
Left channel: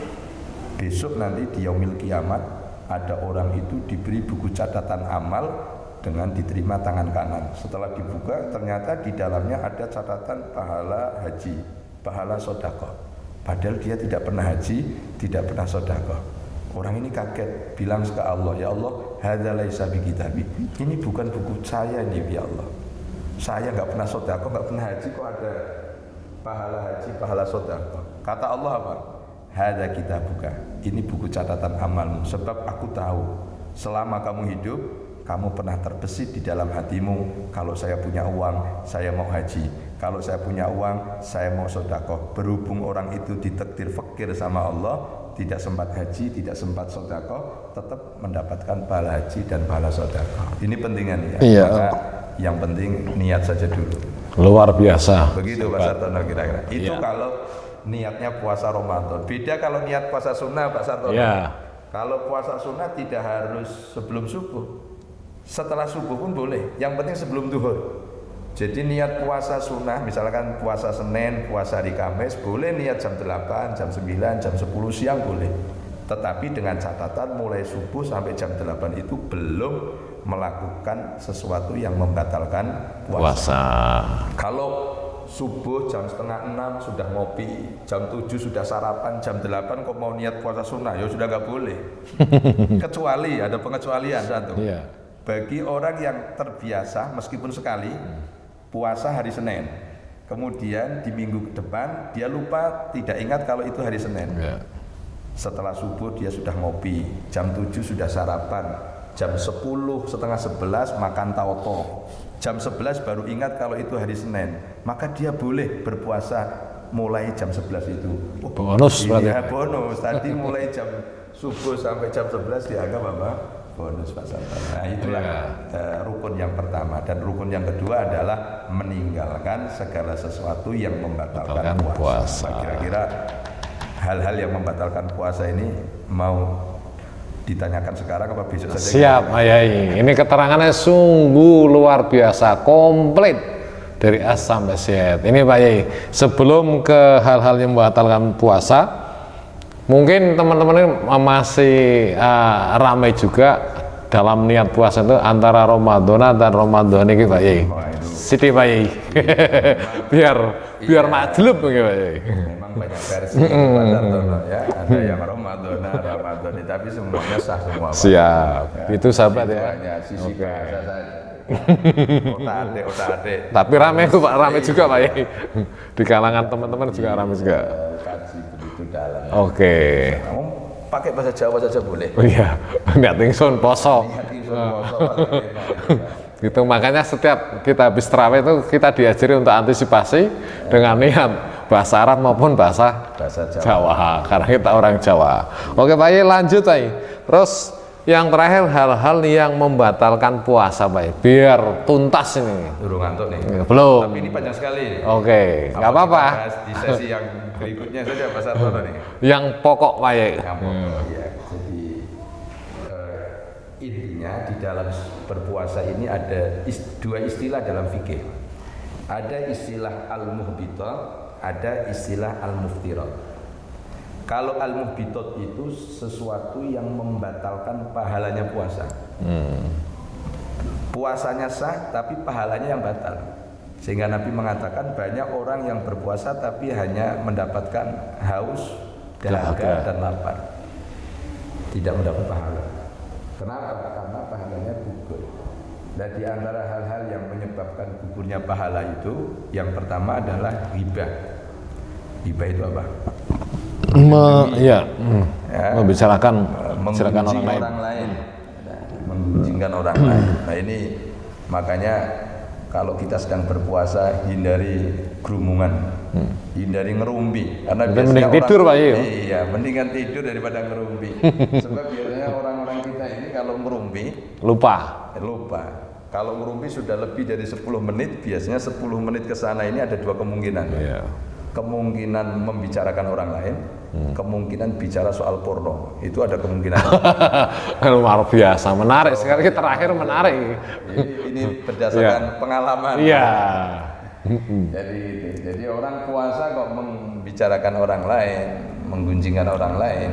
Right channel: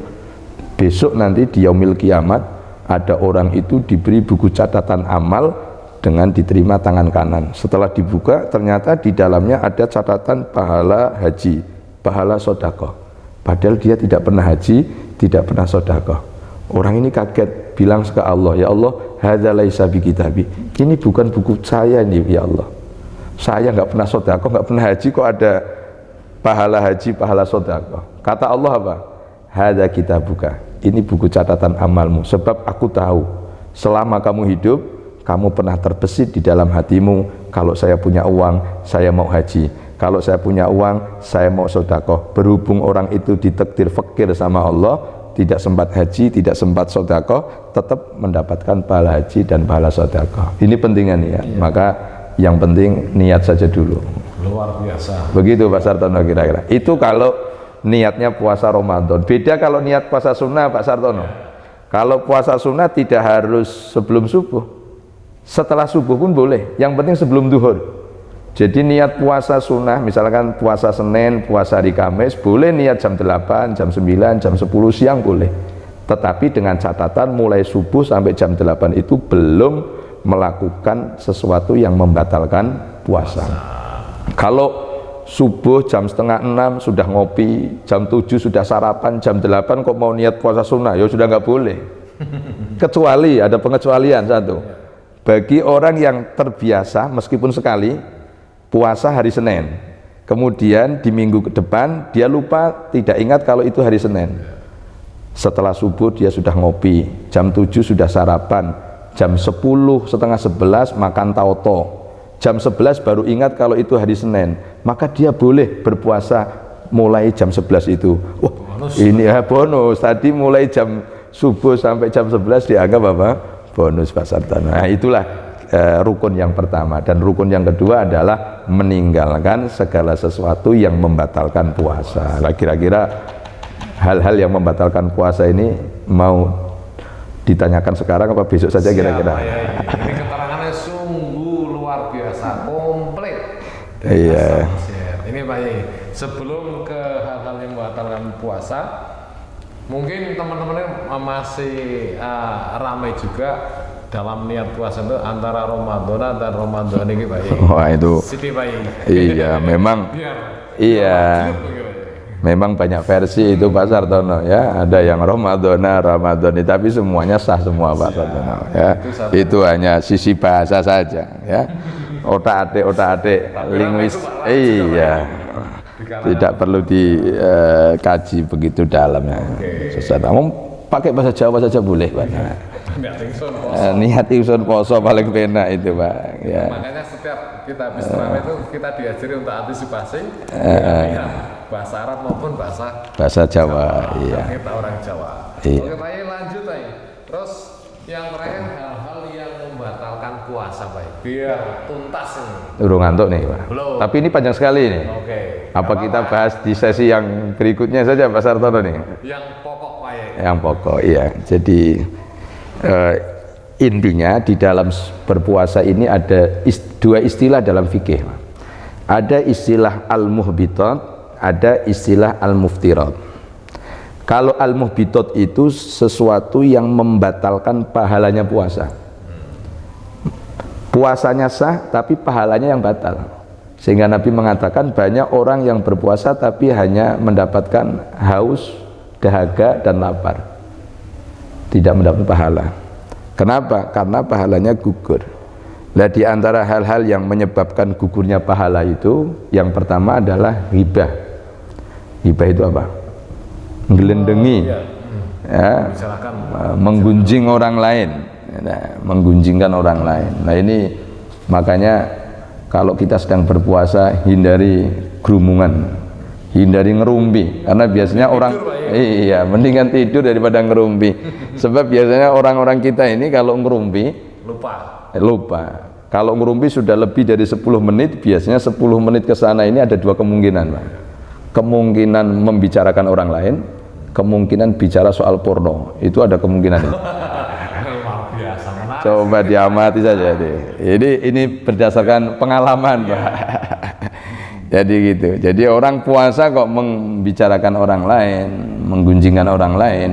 besok nanti di yaumil kiamat ada orang itu diberi buku catatan amal dengan diterima tangan kanan. Setelah dibuka ternyata di dalamnya ada catatan pahala haji, pahala sedekah. Padahal dia tidak pernah haji, tidak pernah sedekah. Orang ini kaget, bilang ke Allah, ya Allah, hadza laisa bi kitabi. Ini bukan buku saya ini, ya Allah. Saya nggak pernah sedekah, nggak pernah haji, kok ada pahala haji, pahala sedekah. Kata Allah apa? Hadza kitabuka. Ini buku catatan amalmu. Sebab aku tahu selama kamu hidup kamu pernah terbesit di dalam hatimu, kalau saya punya uang, saya mau haji. Kalau saya punya uang, saya mau sedekah. Berhubung orang itu ditakdir fakir sama Allah, tidak sempat haji, tidak sempat sedekah, tetap mendapatkan pahala haji dan pahala sedekah. Ini pentingnya nih ya. Iya. Maka yang penting niat saja dulu. Luar biasa. Begitu Pak Sartono kira-kira. Itu kalau niatnya puasa Ramadan. Beda kalau niat puasa sunnah Pak Sartono. Ya. Kalau puasa sunnah tidak harus sebelum subuh. Setelah subuh pun boleh. Yang penting sebelum duhur. Jadi niat puasa sunnah, misalkan puasa Senin, puasa hari Kamis, boleh niat jam 8, jam 9, jam 10 siang boleh. Tetapi dengan catatan mulai subuh sampai jam 8 itu belum melakukan sesuatu yang membatalkan puasa. Kalau subuh jam setengah 6 sudah ngopi, jam 7 sudah sarapan, jam 8 kok mau niat puasa sunnah, ya sudah nggak boleh. Kecuali, ada pengecualian satu. Bagi orang yang terbiasa meskipun sekali puasa hari Senin, kemudian di minggu ke depan dia lupa, tidak ingat kalau itu hari Senin. Setelah subuh dia sudah ngopi, jam 7 sudah sarapan, jam 10, setengah 11 makan tauto, jam 11 baru ingat kalau itu hari Senin, maka dia boleh berpuasa mulai jam 11 itu. Wah, bonus ini ya bonus, tadi mulai jam subuh sampai jam 11 dianggap apa? Bonus Pak Sartono. Nah itulah rukun yang pertama. Dan rukun yang kedua adalah meninggalkan segala sesuatu yang membatalkan puasa. Nah, kira-kira hal-hal yang membatalkan puasa ini mau ditanyakan sekarang apa besok saja? Siap, Pak Yai. Ini keterangannya sungguh luar biasa, komplit dari A sampai Z. Ini Pak Yai, sebelum ke hal-hal yang membatalkan puasa, mungkin teman-teman masih ramai juga dalam niat puasa itu antara Ramadan dan Ramadan ini Pak Yai. Wah itu Siti Pak Yai. Iya memang biar majlub Pak Yai. Memang banyak versi itu Pak Sartono ya. Ada yang Ramadan tapi semuanya sah semua Pak. Siap. Ya. Itu hanya sisi bahasa saja ya. Otak-atik. Tapi ramai itu Pak, ramai juga Pak Yai. Di kalangan tidak perlu dikaji begitu dalam ya. Oke. Pakai bahasa Jawa saja boleh. Oh iya, niat ingsun poso. Niat ingsun poso paling penak itu Pak. Itu makanya setiap kita habis tarawih itu kita diajari untuk antisipasi dengan niat bahasa Arab maupun bahasa Jawa. Iya. Karena kita orang Jawa. Iya. Oke Pak Yai, lanjut Pak Yai. Terus yang terakhir hal-hal yang membatalkan puasa Pak Yai, biar tuntas ini. Udah ngantuk nih. Belum. Tapi ini panjang sekali nih. Oke. Apa kita bahas di sesi yang berikutnya saja Pak Sartono nih? Yang pokok Pak Yai. Yang pokok, iya. Jadi intinya di dalam berpuasa ini ada dua istilah dalam fikih. Ada istilah al-muhbitat, ada istilah al-muftirat. Kalau al-muhbitat itu sesuatu yang membatalkan pahalanya puasa. Puasanya sah tapi pahalanya yang batal. Sehingga Nabi mengatakan banyak orang yang berpuasa tapi hanya mendapatkan haus, dahaga dan lapar. Tidak mendapat pahala. Kenapa? Karena pahalanya gugur. Nah, di antara hal-hal yang menyebabkan gugurnya pahala itu, yang pertama adalah hibah. Hibah itu apa? Melindungi, membicarakan, menggunjing orang lain, menggunjingkan orang lain. Nah ini makanya kalau kita sedang berpuasa hindari gerumungan, hindari ngerumpi, karena biasanya orang tidur, Pak, iya mendingan tidur daripada ngerumpi. Sebab biasanya orang-orang kita ini kalau ngerumpi lupa. Kalau ngerumpi sudah lebih dari 10 menit, biasanya 10 menit ke sana ini ada dua kemungkinan, Pak. Kemungkinan membicarakan orang lain, kemungkinan bicara soal porno, itu ada kemungkinan. Luar biasa, menarik. Coba diamati saja. Ini berdasarkan pengalaman. Jadi gitu. Jadi orang puasa kok membicarakan orang lain, menggunjingkan orang lain,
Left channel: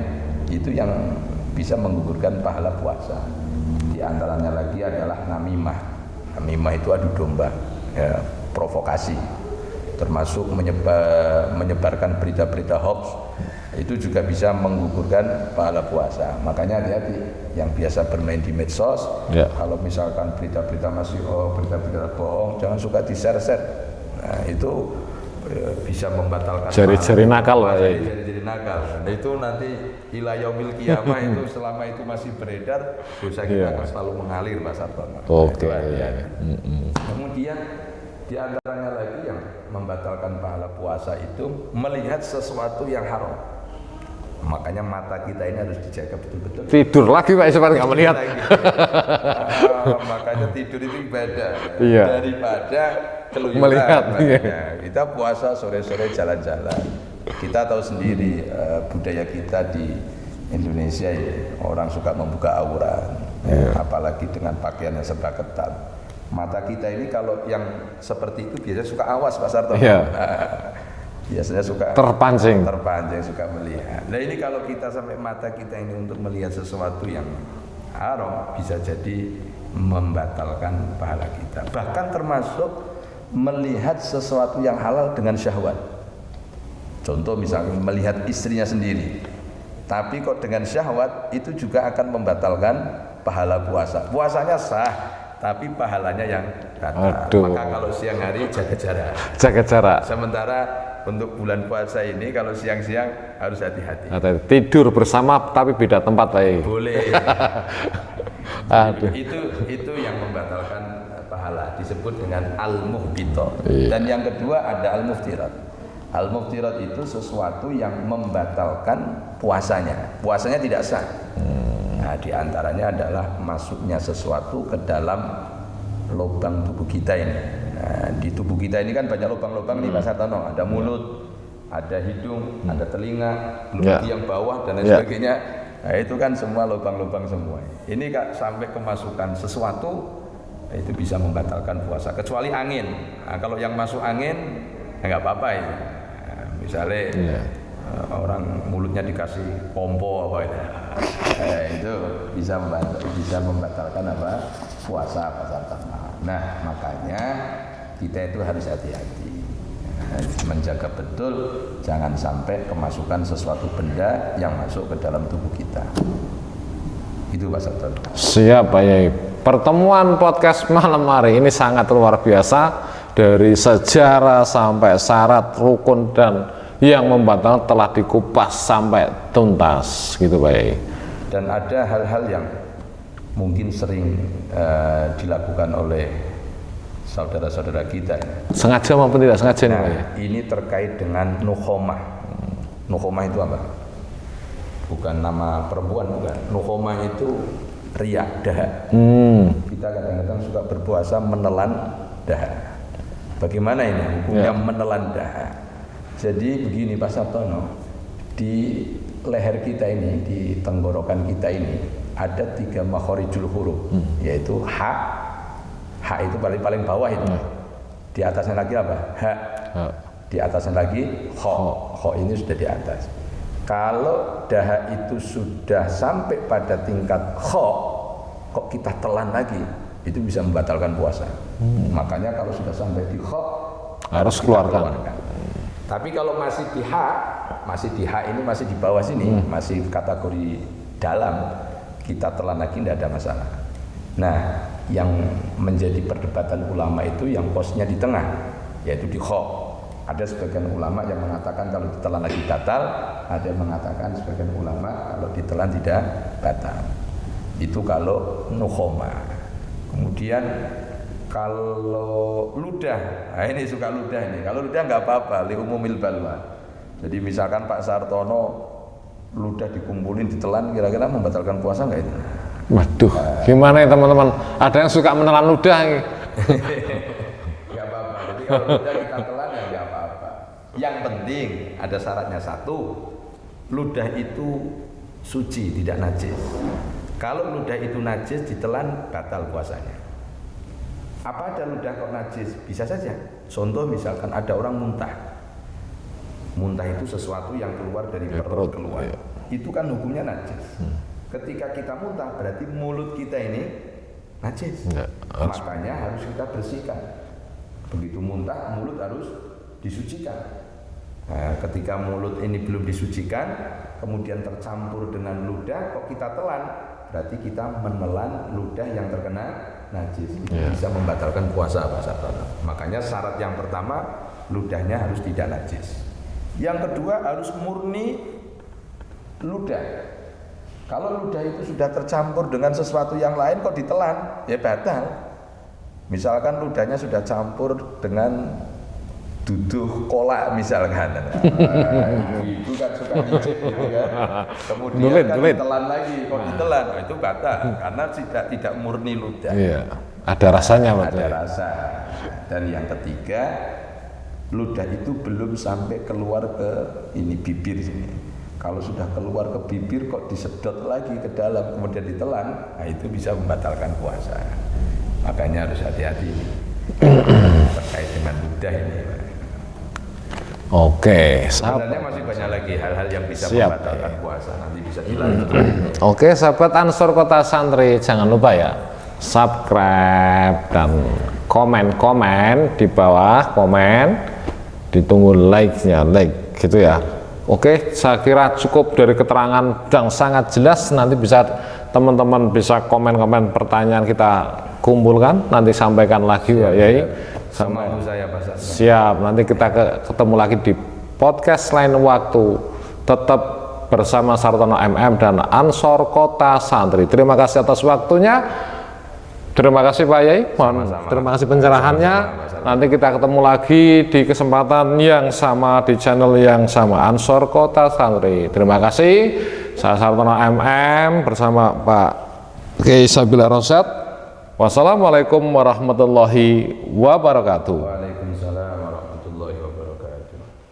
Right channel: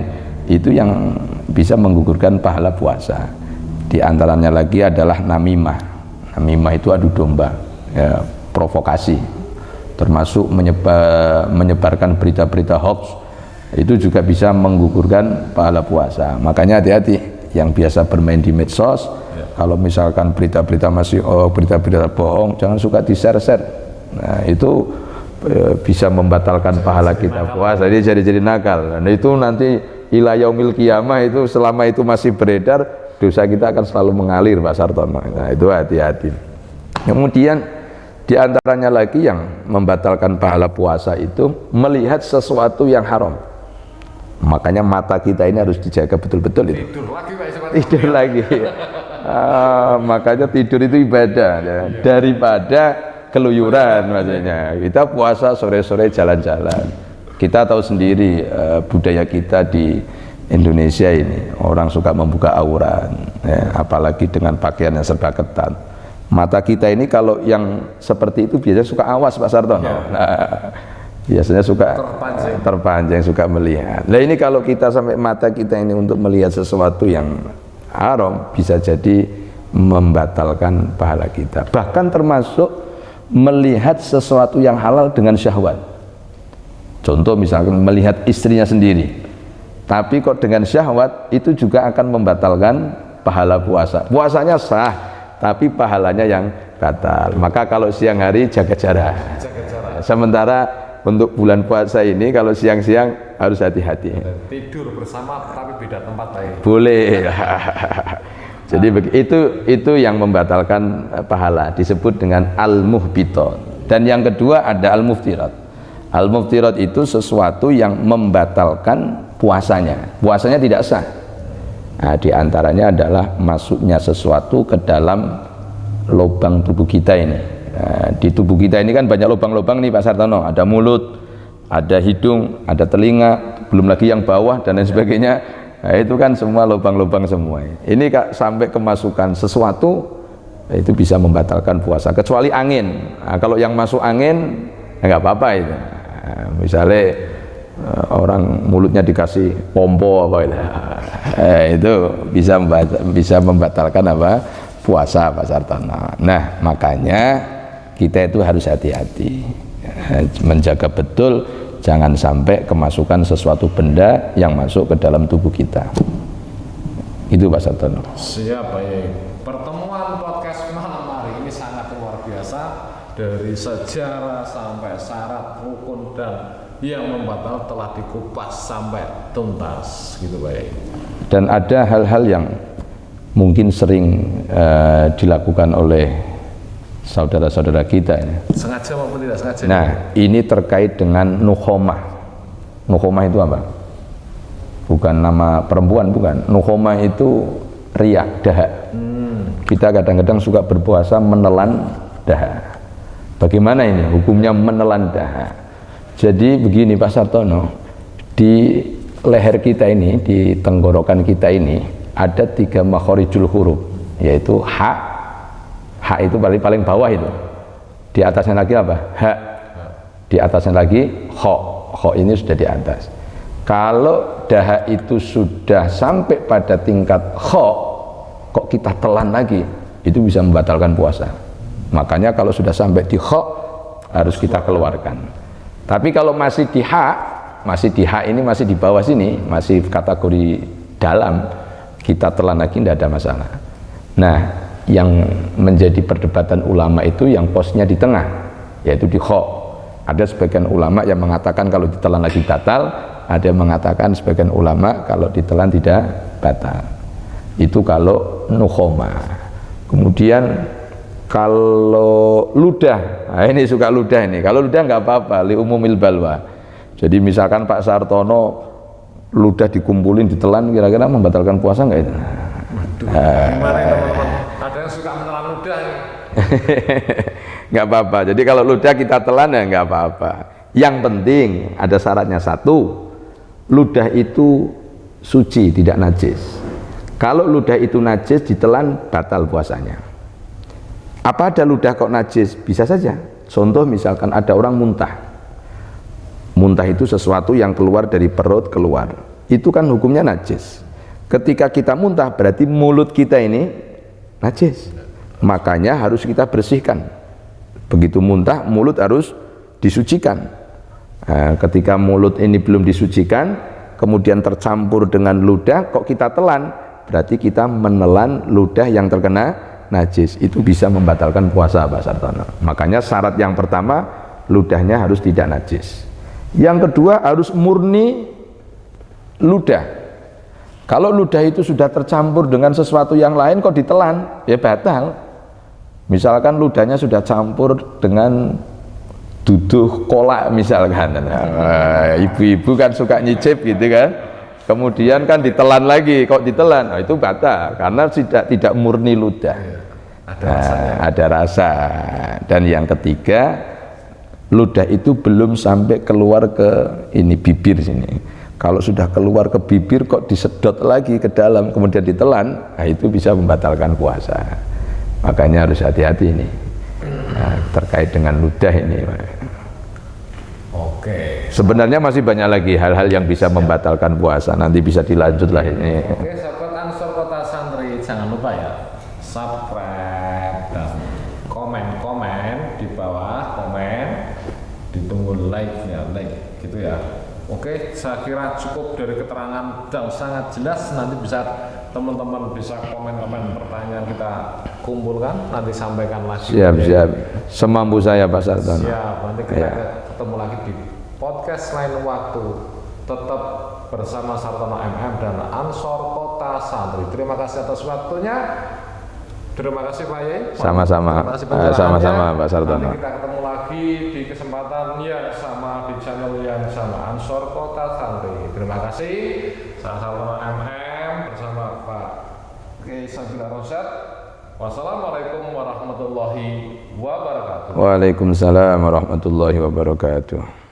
itu yang bisa menggugurkan pahala puasa. Di antaranya lagi adalah namimah. Namimah itu adu domba, ya, provokasi. Termasuk menyebarkan berita-berita hoax, itu juga bisa menggugurkan pahala puasa. Makanya hati-hati yang biasa bermain di medsos, kalau misalkan berita-berita berita-berita bohong, jangan suka di-share-share. Nah itu bisa membatalkan pahala kita puasa. Jadi nakal. Nah itu nanti ila yaumil qiyamah itu selama itu masih beredar, dosa kita akan selalu mengalir, Pak Sartono. Nah, itu hati-hati. Kemudian di antaranya lagi yang membatalkan pahala puasa itu melihat sesuatu yang haram. Makanya mata kita ini harus dijaga betul-betul. Tidur lagi Pak, seperti kamu Tidur lihat. lagi. Makanya tidur itu ibadah ya. Iya. Daripada keluyuran. Makanya kita puasa sore-sore jalan-jalan. Kita tahu sendiri budaya kita di Indonesia ini, orang suka membuka aurat, apalagi dengan pakaian yang serba ketat. Mata kita ini kalau yang seperti itu biasanya suka awas, Pak Sartono. Iya. Biasanya suka terpancing, suka melihat. Nah ini kalau kita sampai mata kita ini untuk melihat sesuatu yang haram, bisa jadi membatalkan pahala kita. Bahkan termasuk melihat sesuatu yang halal dengan syahwat. Contoh misalkan melihat istrinya sendiri, tapi kok dengan syahwat, itu juga akan membatalkan pahala puasa. Puasanya sah, tapi pahalanya yang batal. Maka kalau siang hari jaga jarak. Sementara untuk bulan puasa ini kalau siang-siang harus hati-hati. Tidur bersama tapi beda tempat, Pak. Boleh. Jadi itu yang membatalkan pahala, disebut dengan al-muhbitat. Dan yang kedua ada al-muftirat. Al-muftirat itu sesuatu yang membatalkan puasanya. Puasanya tidak sah. Nah, di antaranya adalah masuknya sesuatu ke dalam lubang tubuh kita ini. Nah, di tubuh kita ini kan banyak lubang-lubang nih Pak Sartono. Ada mulut, ada hidung, ada telinga, belum lagi yang bawah dan lain sebagainya. Nah, itu kan semua lubang-lubang semua. Ini Kak, sampai kemasukan sesuatu itu bisa membatalkan puasa. Kecuali angin. Nah, kalau yang masuk angin nggak apa-apa itu. Nah, misalnya orang mulutnya dikasih pompo apa itu bisa membatalkan apa puasa, Pak Sartono. Nah makanya kita itu harus hati-hati, menjaga betul jangan sampai kemasukan sesuatu benda yang masuk ke dalam tubuh kita. Itu Pak Sartono. Siap Pak Yai. Pertemuan podcast malam hari ini sangat luar biasa, dari sejarah sampai syarat, rukun dan yang membatalkan telah dikupas sampai tuntas gitu Pak Yai. Dan ada hal-hal yang mungkin sering dilakukan oleh saudara-saudara kita ini. Sengaja maupun tidak sengaja. Nah, ini terkait dengan nukhomah. Nukhomah itu apa? Bukan nama perempuan, bukan. Nukhomah itu riak, dahak. Kita kadang-kadang suka berpuasa menelan dahak. Bagaimana ini hukumnya menelan dahak? Jadi begini Pak Sartono, di leher kita ini, di tenggorokan kita ini ada 3 makhorijul huruf, yaitu ha. Ha itu paling bawah itu. Di atasnya lagi apa? Ha. Di atasnya lagi kho. Kho ini sudah di atas. Kalau dahak itu sudah sampai pada tingkat kho, kok kita telan lagi, itu bisa membatalkan puasa. Makanya kalau sudah sampai di kho, harus kita keluarkan. Tapi kalau masih di ha ini masih di bawah sini, masih kategori dalam, kita telan lagi tidak ada masalah. Nah, yang menjadi perdebatan ulama itu yang posnya di tengah, yaitu di kho. Ada sebagian ulama yang mengatakan kalau ditelan lagi batal, ada yang mengatakan sebagian ulama kalau ditelan tidak batal. Itu kalau nukhoma. Kemudian kalau ludah, nah ini suka ludah ini. Kalau ludah nggak apa-apa, li umumil balwa. Jadi misalkan Pak Sartono ludah dikumpulin ditelan, kira-kira membatalkan puasa nggak itu? Waduh, gimana ya teman-teman? Ada yang suka menelan ludah. Nggak apa-apa. Jadi kalau ludah kita telan ya nggak apa-apa. Yang penting ada syaratnya satu, ludah itu suci, tidak najis. Kalau ludah itu najis ditelan batal puasanya. Apa ada ludah kok najis? Bisa saja. Contoh misalkan ada orang muntah. Muntah itu sesuatu yang keluar dari perut keluar. Itu kan hukumnya najis. Ketika kita muntah berarti mulut kita ini najis. Makanya harus kita bersihkan. Begitu muntah, mulut harus disucikan. Nah, ketika mulut ini belum disucikan, kemudian tercampur dengan ludah, kok kita telan, berarti kita menelan ludah yang terkena najis. Itu bisa membatalkan puasa, Pak Sartono. Makanya syarat yang pertama, ludahnya harus tidak najis. Yang kedua harus murni ludah. Kalau ludah itu sudah tercampur dengan sesuatu yang lain kok ditelan, ya batal. Misalkan ludahnya sudah campur dengan duduh kolak misalkan. Nah, ibu-ibu kan suka nyicip gitu kan. Kemudian kan ditelan lagi, kok ditelan? Nah, itu batal karena tidak murni ludah. Iya. Ada rasanya. Ada rasa. Dan yang ketiga, ludah itu belum sampai keluar ke ini bibir sini. Kalau sudah keluar ke bibir kok disedot lagi ke dalam kemudian ditelan, nah itu bisa membatalkan puasa. Makanya harus hati-hati ini terkait dengan ludah ini. Oke. Sebenarnya masih banyak lagi hal-hal yang bisa membatalkan puasa. Nanti bisa dilanjut lagi ini. Oke, sahabat Ansor Kota Santri, jangan lupa ya subscribe dan komen di bawah, ditunggu like-nya, like gitu ya. Oke, saya kira cukup dari keterangan yang sangat jelas. Nanti bisa teman-teman bisa komen-komen pertanyaan kita kumpulkan, nanti sampaikan lagi. Siap. Semampu saya Pak Sartono. Siap, nanti kita ketemu lagi di podcast lain waktu. Tetap bersama Sartono MM dan Ansor Kota Santri. Terima kasih atas waktunya. Terima kasih Pak Yai. Sama-sama. Terima kasih pencerahannya. Sama-sama, Pak Sartono. Nanti kita ketemu lagi di kesempatan yang sama di channel yang sama, Ansor Kota Santri. Terima kasih. Saya Sartono MM bersama Pak Kiai Sabila Rosyad. Wassalamualaikum warahmatullahi wabarakatuh. Waalaikumsalam warahmatullahi wabarakatuh.